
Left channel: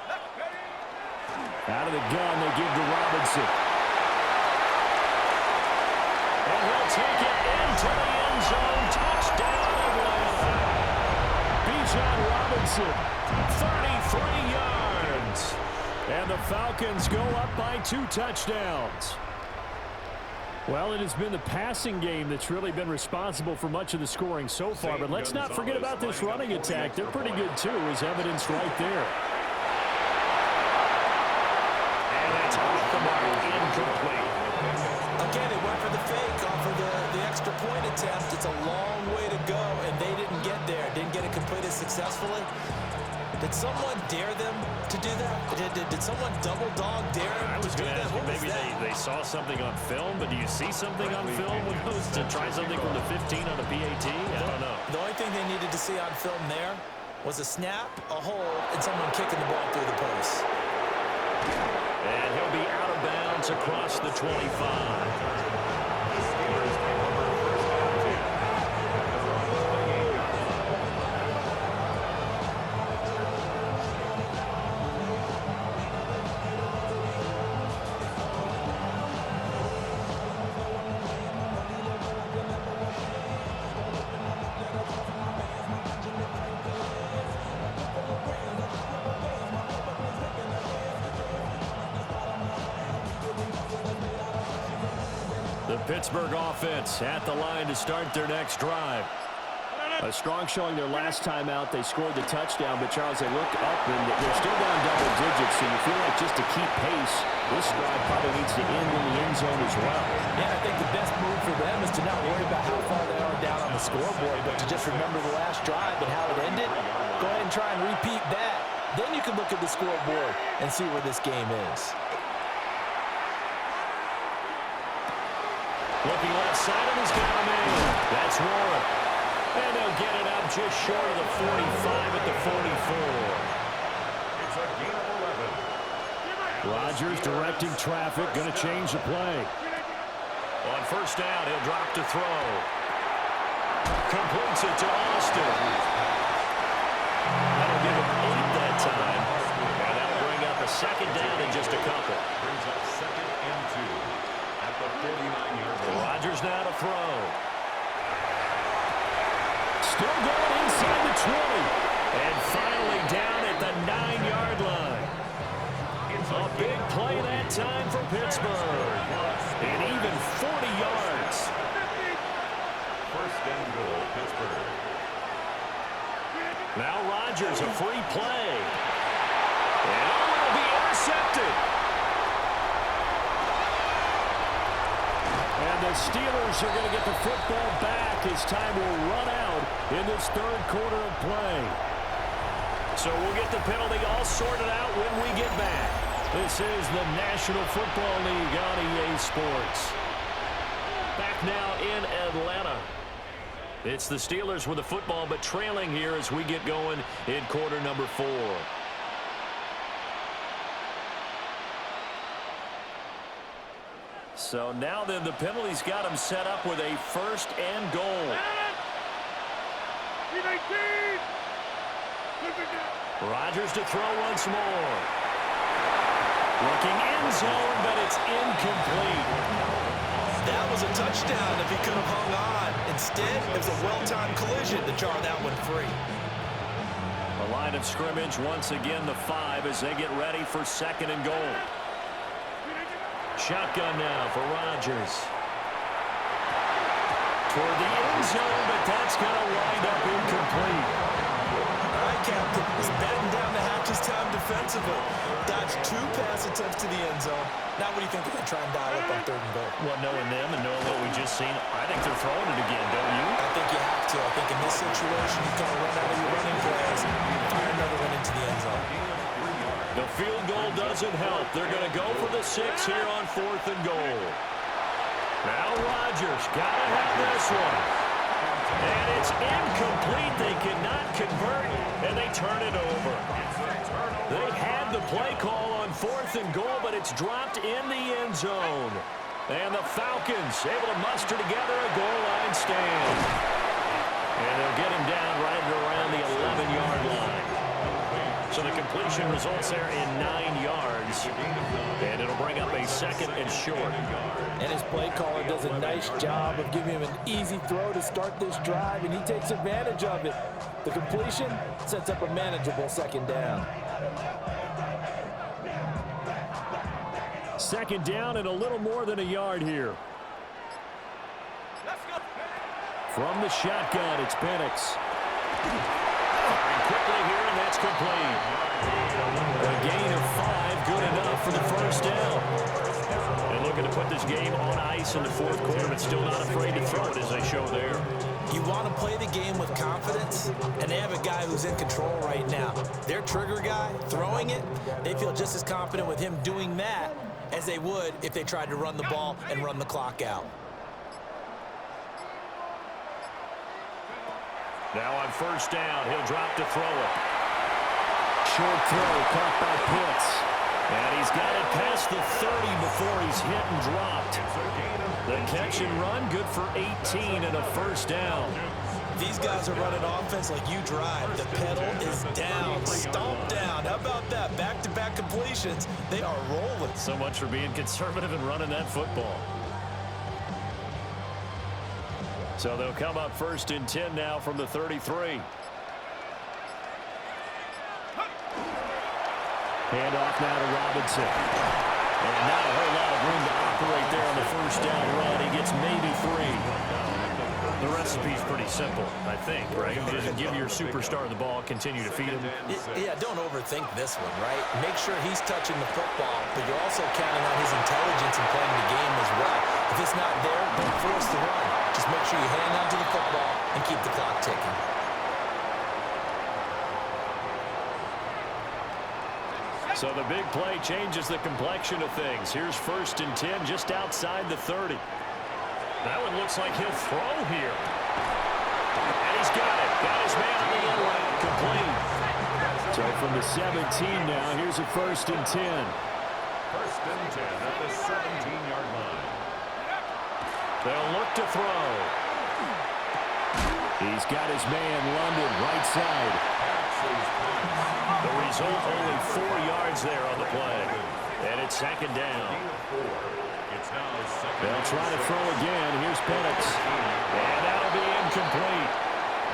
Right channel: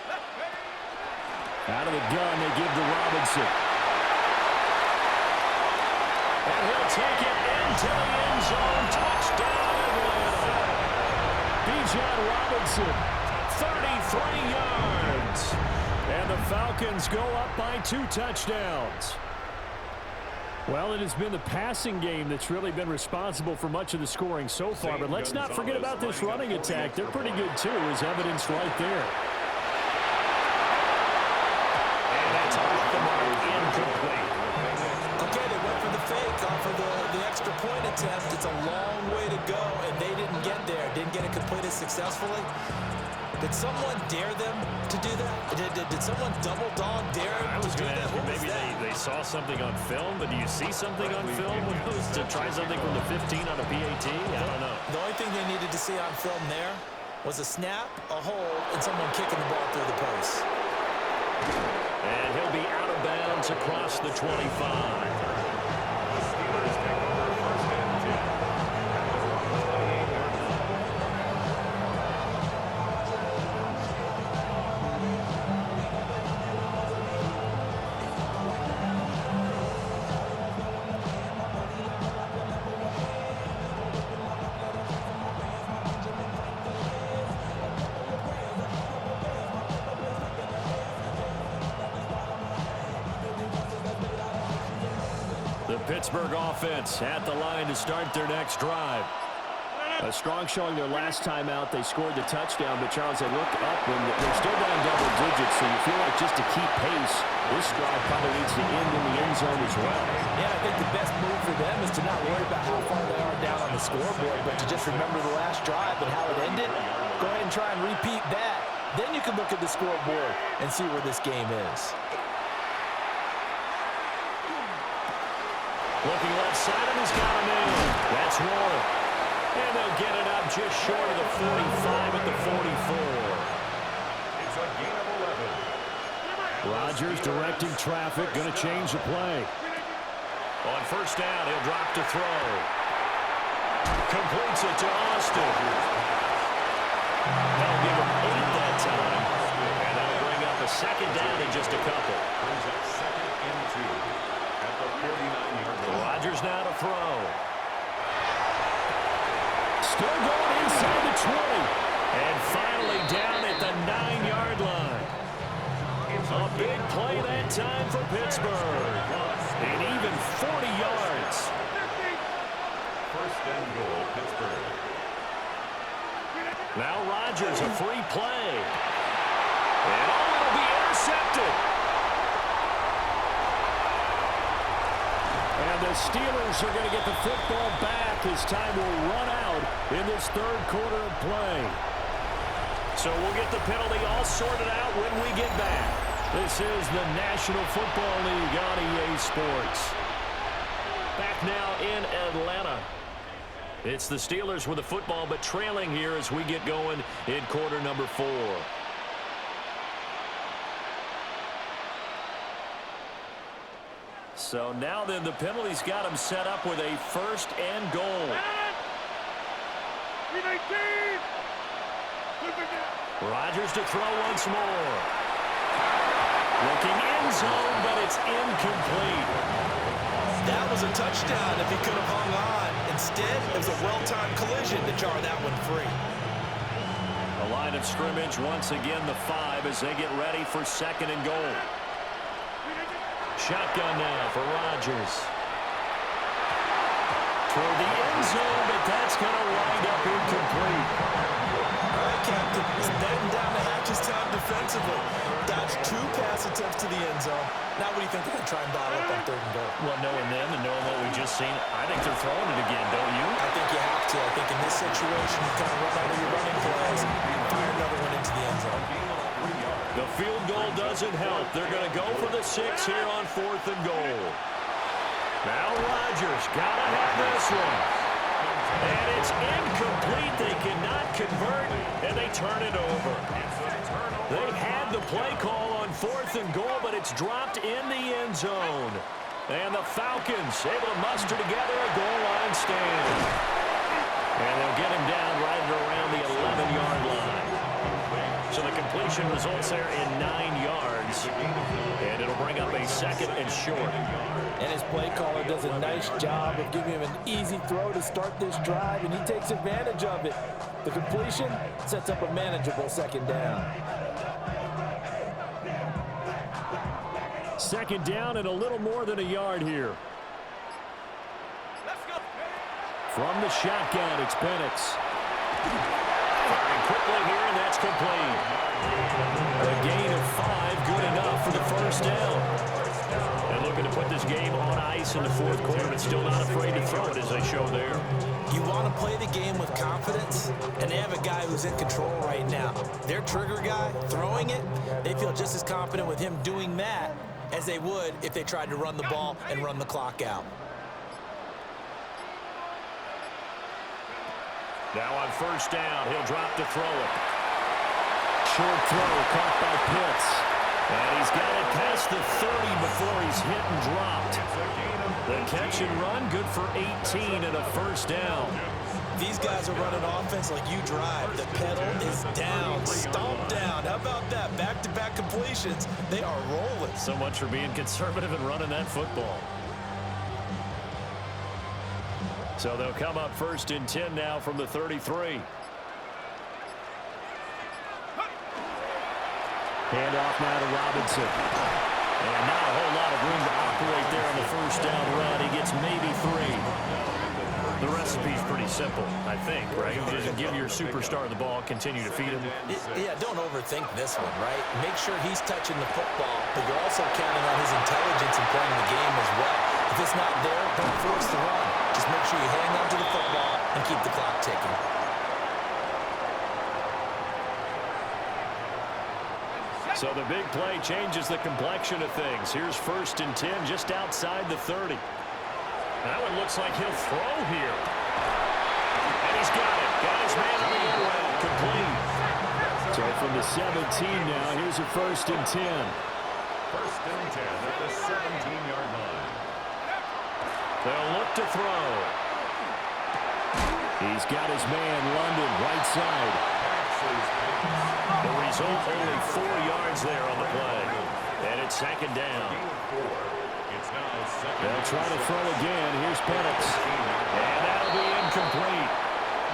Left, ready. Out of the gun, they give to Robinson. And he'll take it into the end zone. Touchdown, Atlanta. Bijan Robinson, 33 yards. And the Falcons go up by 2 touchdowns. Well, it has been the passing game that's really been responsible for much of the scoring so far. But let's not forget about this running attack. They're pretty good, too, as evidenced right there. And that's off the mark, incomplete. Okay, they went for the fake off of the extra point attempt. It's a long way to go, and they didn't get there. Didn't get it completed successfully. Did someone dare them to do that? Did someone double dog dare them I was to do going to that? ask you, What was maybe that? they saw something on film, but do you see something on film when those to try something from the 15 on a PAT? I don't know. The only thing they needed to see on film there was a snap, a hold, and someone kicking the ball through the post. And he'll be out of bounds across the 25. The Steelers take over first and 10 at their own 28-yard line. The Pittsburgh offense at the line to start their next drive. A strong showing their last time out. They scored the touchdown, but, Charles, they look up, and they're still down double digits, so you feel like just to keep pace, this drive probably needs to end in the end zone as well. Yeah, and I think the best move for them is to not worry about how far they are down on the scoreboard, but to just remember the last drive and how it ended. Go ahead and try and repeat that. Then you can look at the scoreboard and see where this game is. Looking left side, and he's got him in. That's Warren. And they'll get it up just short of the 45 at the 44. It's a gain of 11. Rodgers directing traffic, going to change the play. On first down, he'll drop to throw. Completes it to Austin. That'll give him 8 that time. And that'll bring up a second down in just a couple. Brings up second and 2 at the 49-yard line. Rodgers now to throw. Still going inside the 20. And finally down at the 9-yard line. A big play that time for Pittsburgh. And even 40 yards. First and goal, Pittsburgh. Now Rodgers, a free play. And it'll be intercepted. And the Steelers are going to get the football back as time will run out in this third quarter of play. So we'll get the penalty all sorted out when we get back. This is the National Football League on EA Sports. Back now in Atlanta. It's the Steelers with the football, but trailing here as we get going in quarter number 4. So now then, the penalty's got him set up with a first and goal. Rodgers to throw once more. Looking end zone, but it's incomplete. That was a touchdown if he could have hung on. Instead, it was a well-timed collision to jar that one free. A line of scrimmage, once again the 5 as they get ready for second and goal. Shotgun now for Rodgers. Toward the end zone, but that's going to wind up incomplete. All right, Captain. He's batting down the hatches time defensively. Dodged 2 pass attempts to the end zone. Now what do you think they're going to try and dial up on third and goal? Well, knowing them and knowing what we just seen, I think they're throwing it again, don't you? I think you have to. I think in this situation, you kind of run out of your running plays, fire another one into the end zone. The field goal doesn't help. They're going to go for the 6 here on fourth and goal. Now Rodgers got to have this one. And it's incomplete. They cannot convert, and they turn it over. They had the play call on 4th and goal, but it's dropped in the end zone. And the Falcons able to muster together a goal line stand. And they'll get him down right around the 11-yard line. So the completion results there in 9 yards. And it'll bring up a 2nd and short. And his play caller does a nice job of giving him an easy throw to start this drive, and he takes advantage of it. The completion sets up a manageable 2nd down. 2nd down and a little more than a yard here. Let's go. From the shotgun, it's Penix. Firing quickly here, and that's complete. A gain of 5, good enough for the 1st down. And looking to put this game on ice in the 4th quarter, but still not afraid to throw it, as they show there. You want to play the game with confidence, and they have a guy who's in control right now. Their trigger guy, throwing it, they feel just as confident with him doing that as they would if they tried to run the ball and run the clock out. Now on 1st down, he'll drop to throw it. Short throw caught by Pitts. And he's got it past the 30 before he's hit and dropped. The catch and run, good for 18 and a 1st down. These guys are running offense like you drive. The pedal is down, stomp down. How about that? Back-to-back completions. They are rolling. So much for being conservative and running that football. So they'll come up 1st and 10 now from the 33. Handoff now to Robinson. And not a whole lot of room to operate there on the 1st down run. He gets maybe 3. The recipe's pretty simple, I think, right? Just give your superstar the ball, continue to feed him. Yeah, don't overthink this one, right? Make sure he's touching the football, but you're also counting on his intelligence in playing the game as well. If it's not there, don't force the run. Just make sure you hang on to the football and keep the clock ticking. So the big play changes the complexion of things. Here's 1st and 10 just outside the 30. That one looks like he'll throw here. And he's got it. Got his man on the end route. Complete. So from the 17 now, here's a 1st and 10. 1st and 10 at the 17-yard line. They'll look to throw. He's got his man, London, right side. The result, only 4 yards there on the play. And it's 2nd down. They'll try to throw again. Here's Penix. And that'll be incomplete.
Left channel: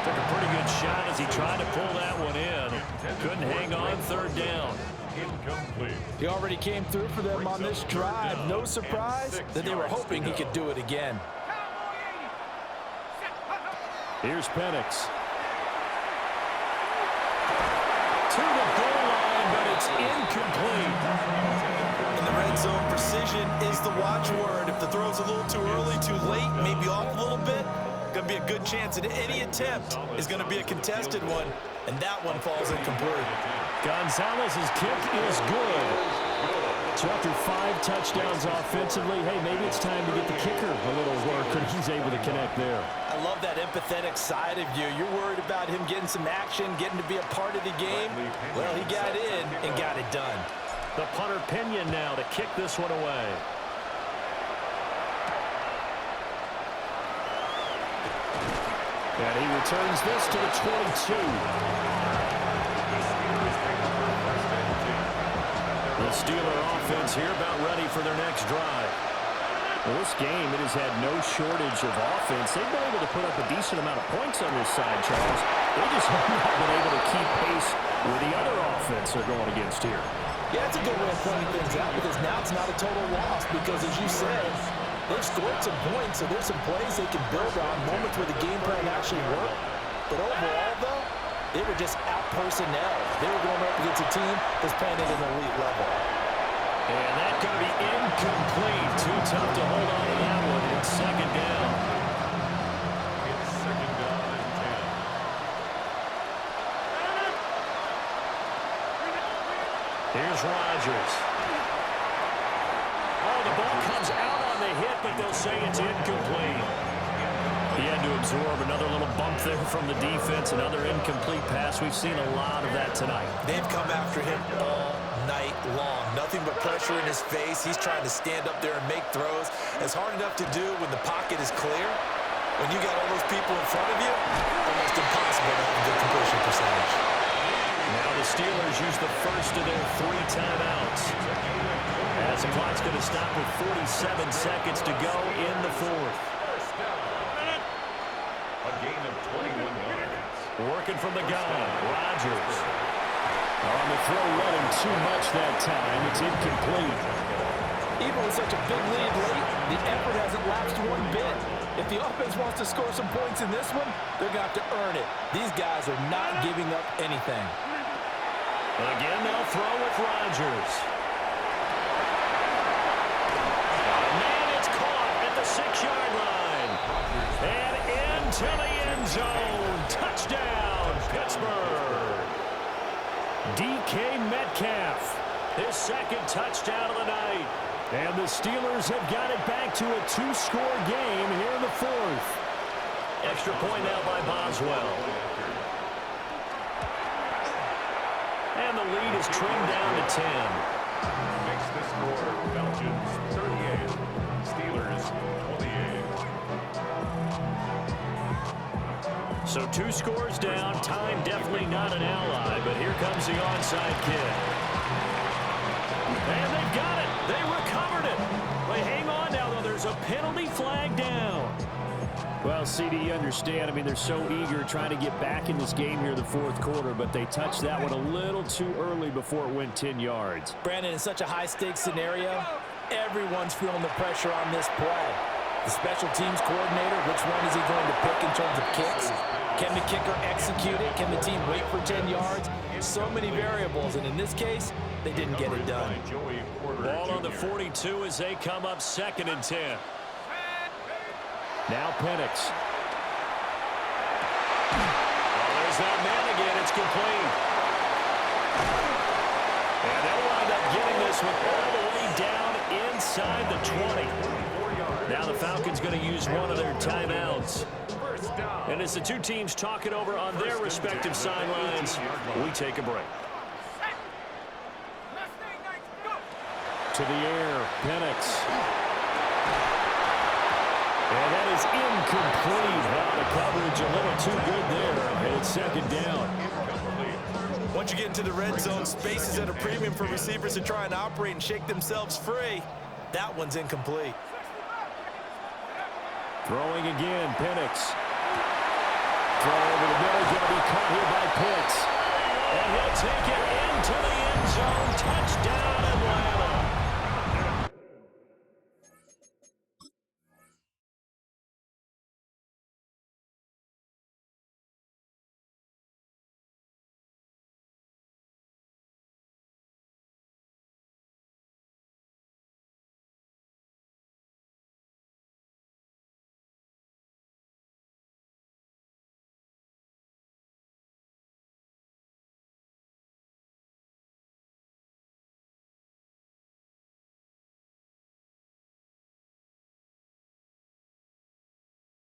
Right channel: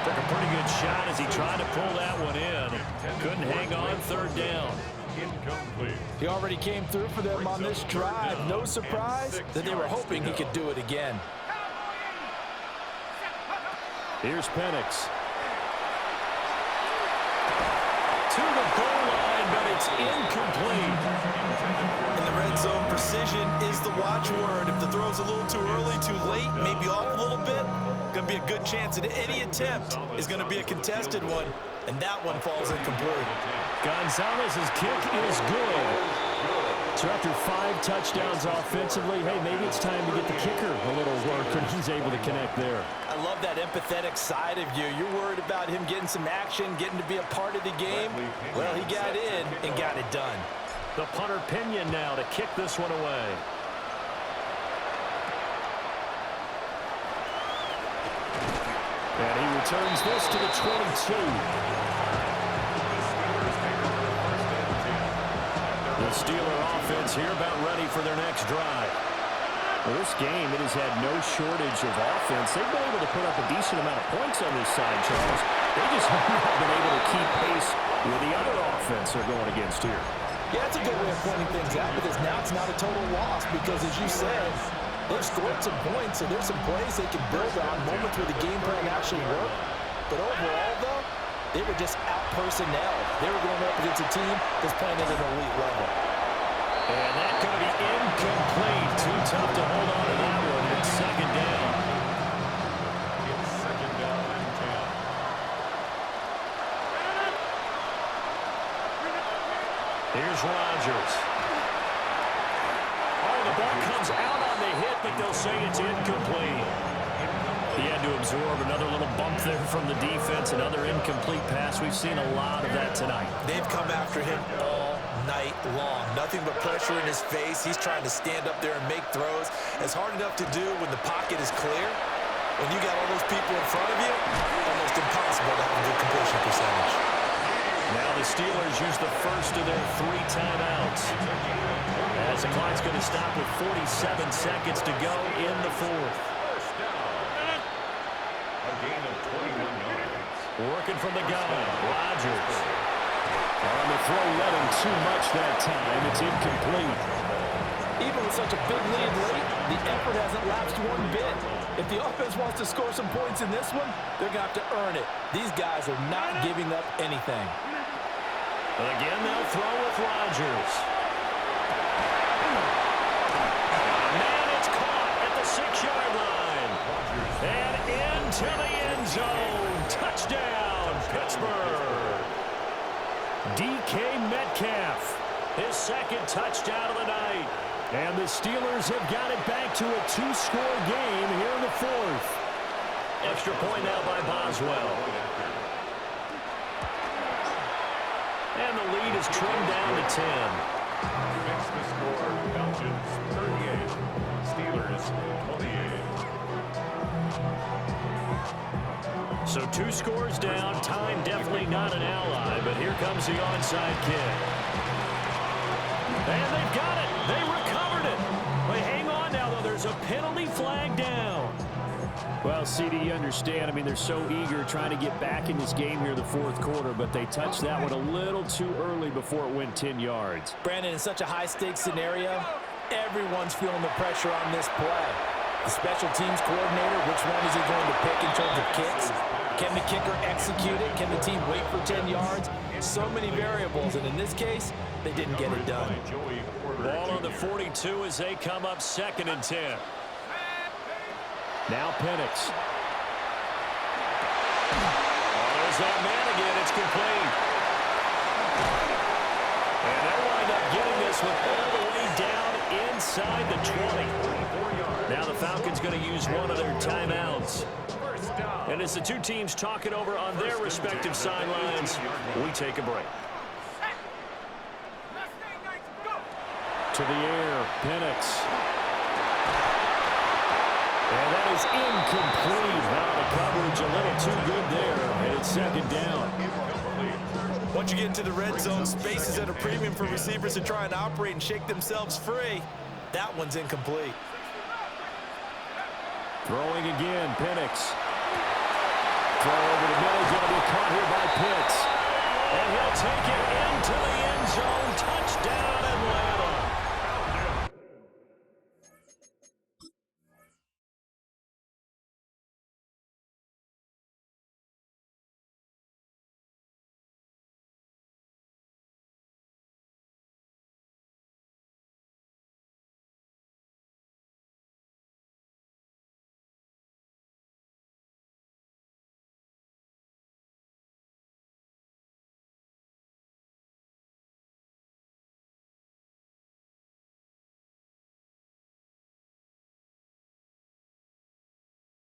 Took a pretty good shot as he tried to pull that one in. Couldn't hang on 3rd down. Incomplete. He already came through for them on this drive. No surprise that they were hoping he could do it again. Here's Penix. To the goal line, but it's incomplete. In the red zone, precision is the watchword. If the throw's a little too early, too late, maybe off a little bit, going to be a good chance that any attempt is going to be a contested one, and that one falls incomplete. Gonzalez's kick is good. So after 5 touchdowns offensively, hey, maybe it's time to get the kicker a little work, and he's able to connect there. I love that empathetic side of you. You're worried about him getting some action, getting to be a part of the game. Well, he got in and got it done. The punter Pinion now to kick this one away. And he returns this to the 22. The Steeler offense here about ready for their next drive. Well, this game, it has had no shortage of offense. They've been able to put up a decent amount of points on this side, Charles. They just have not been able to keep pace with the other offense they're going against here. Yeah, that's a good way of pointing things out, because now it's not a total loss, because as you said, they've scored some points, so there's some plays they can build on, moments where the game plan actually worked. But overall, though, they were just out-personnel. They were going up against a team that's playing at an elite level. And that's going to be incomplete. Too tough to hold on to that one. It's 2nd down. It's 2nd down and 10. Here's Rodgers. Oh, the ball comes out on the hit, but they'll say it's incomplete. He had to absorb another little bump there from the defense, another incomplete pass. We've seen a lot of that tonight. They've come after him all night long. Nothing but pressure in his face. He's trying to stand up there and make throws. It's hard enough to do when the pocket is clear. When you got all those people in front of you, almost impossible to have a good completion percentage. Now the Steelers use the first of their 3 timeouts. As the clock's going to stop with 47 seconds to go in the 4th. First down. A gain of 21 yards. Working from the gun, Rodgers. On the throw, let him too much that time. It's incomplete. Even with such a big lead late, the effort hasn't lapsed one bit. If the offense wants to score some points in this one, they're going to have to earn it. These guys are not giving up anything. Again, they'll throw with Rodgers. Man, it's caught at the 6-yard line. And into the end zone. Touchdown, Pittsburgh. DK Metcalf, his 2nd touchdown of the night. And the Steelers have got it back to a 2-score game here in the 4th. Extra point now by Boswell. And the lead is trimmed down to 10. Makes the score Belgians 38, Steelers 28. So 2 scores down. Time definitely not an ally, but here comes the onside kick. And they've got it. They recovered it. They hang on now, though. There's a penalty flag down. Well, CD, you understand. I mean, they're so eager trying to get back in this game here in the 4th quarter, but they touched that one a little too early before it went 10 yards. Brandon, in such a high-stakes scenario, everyone's feeling the pressure on this play. The special teams coordinator, which one is he going to pick in terms of kicks? Can the kicker execute it? Can the team wait for 10 yards? So many variables, and in this case, they didn't get it done. Ball on the 42 as they come up 2nd and 10. Now Penix. Oh, there's that man again. It's complete. And they'll wind up getting this one all the way down inside the 20. Now the Falcons going to use one of their timeouts. And as the 2 teams talk it over on their respective sidelines, we take a break. To the air, Penix. And that is incomplete. Now the coverage a little too good there, and it's 2nd down. Once you get into the red zone, space is at a premium for receivers to try and operate and shake themselves free. That one's incomplete. Throwing again, Penix. Throw over the middle, going to be caught here by Pitts. And he'll take it into the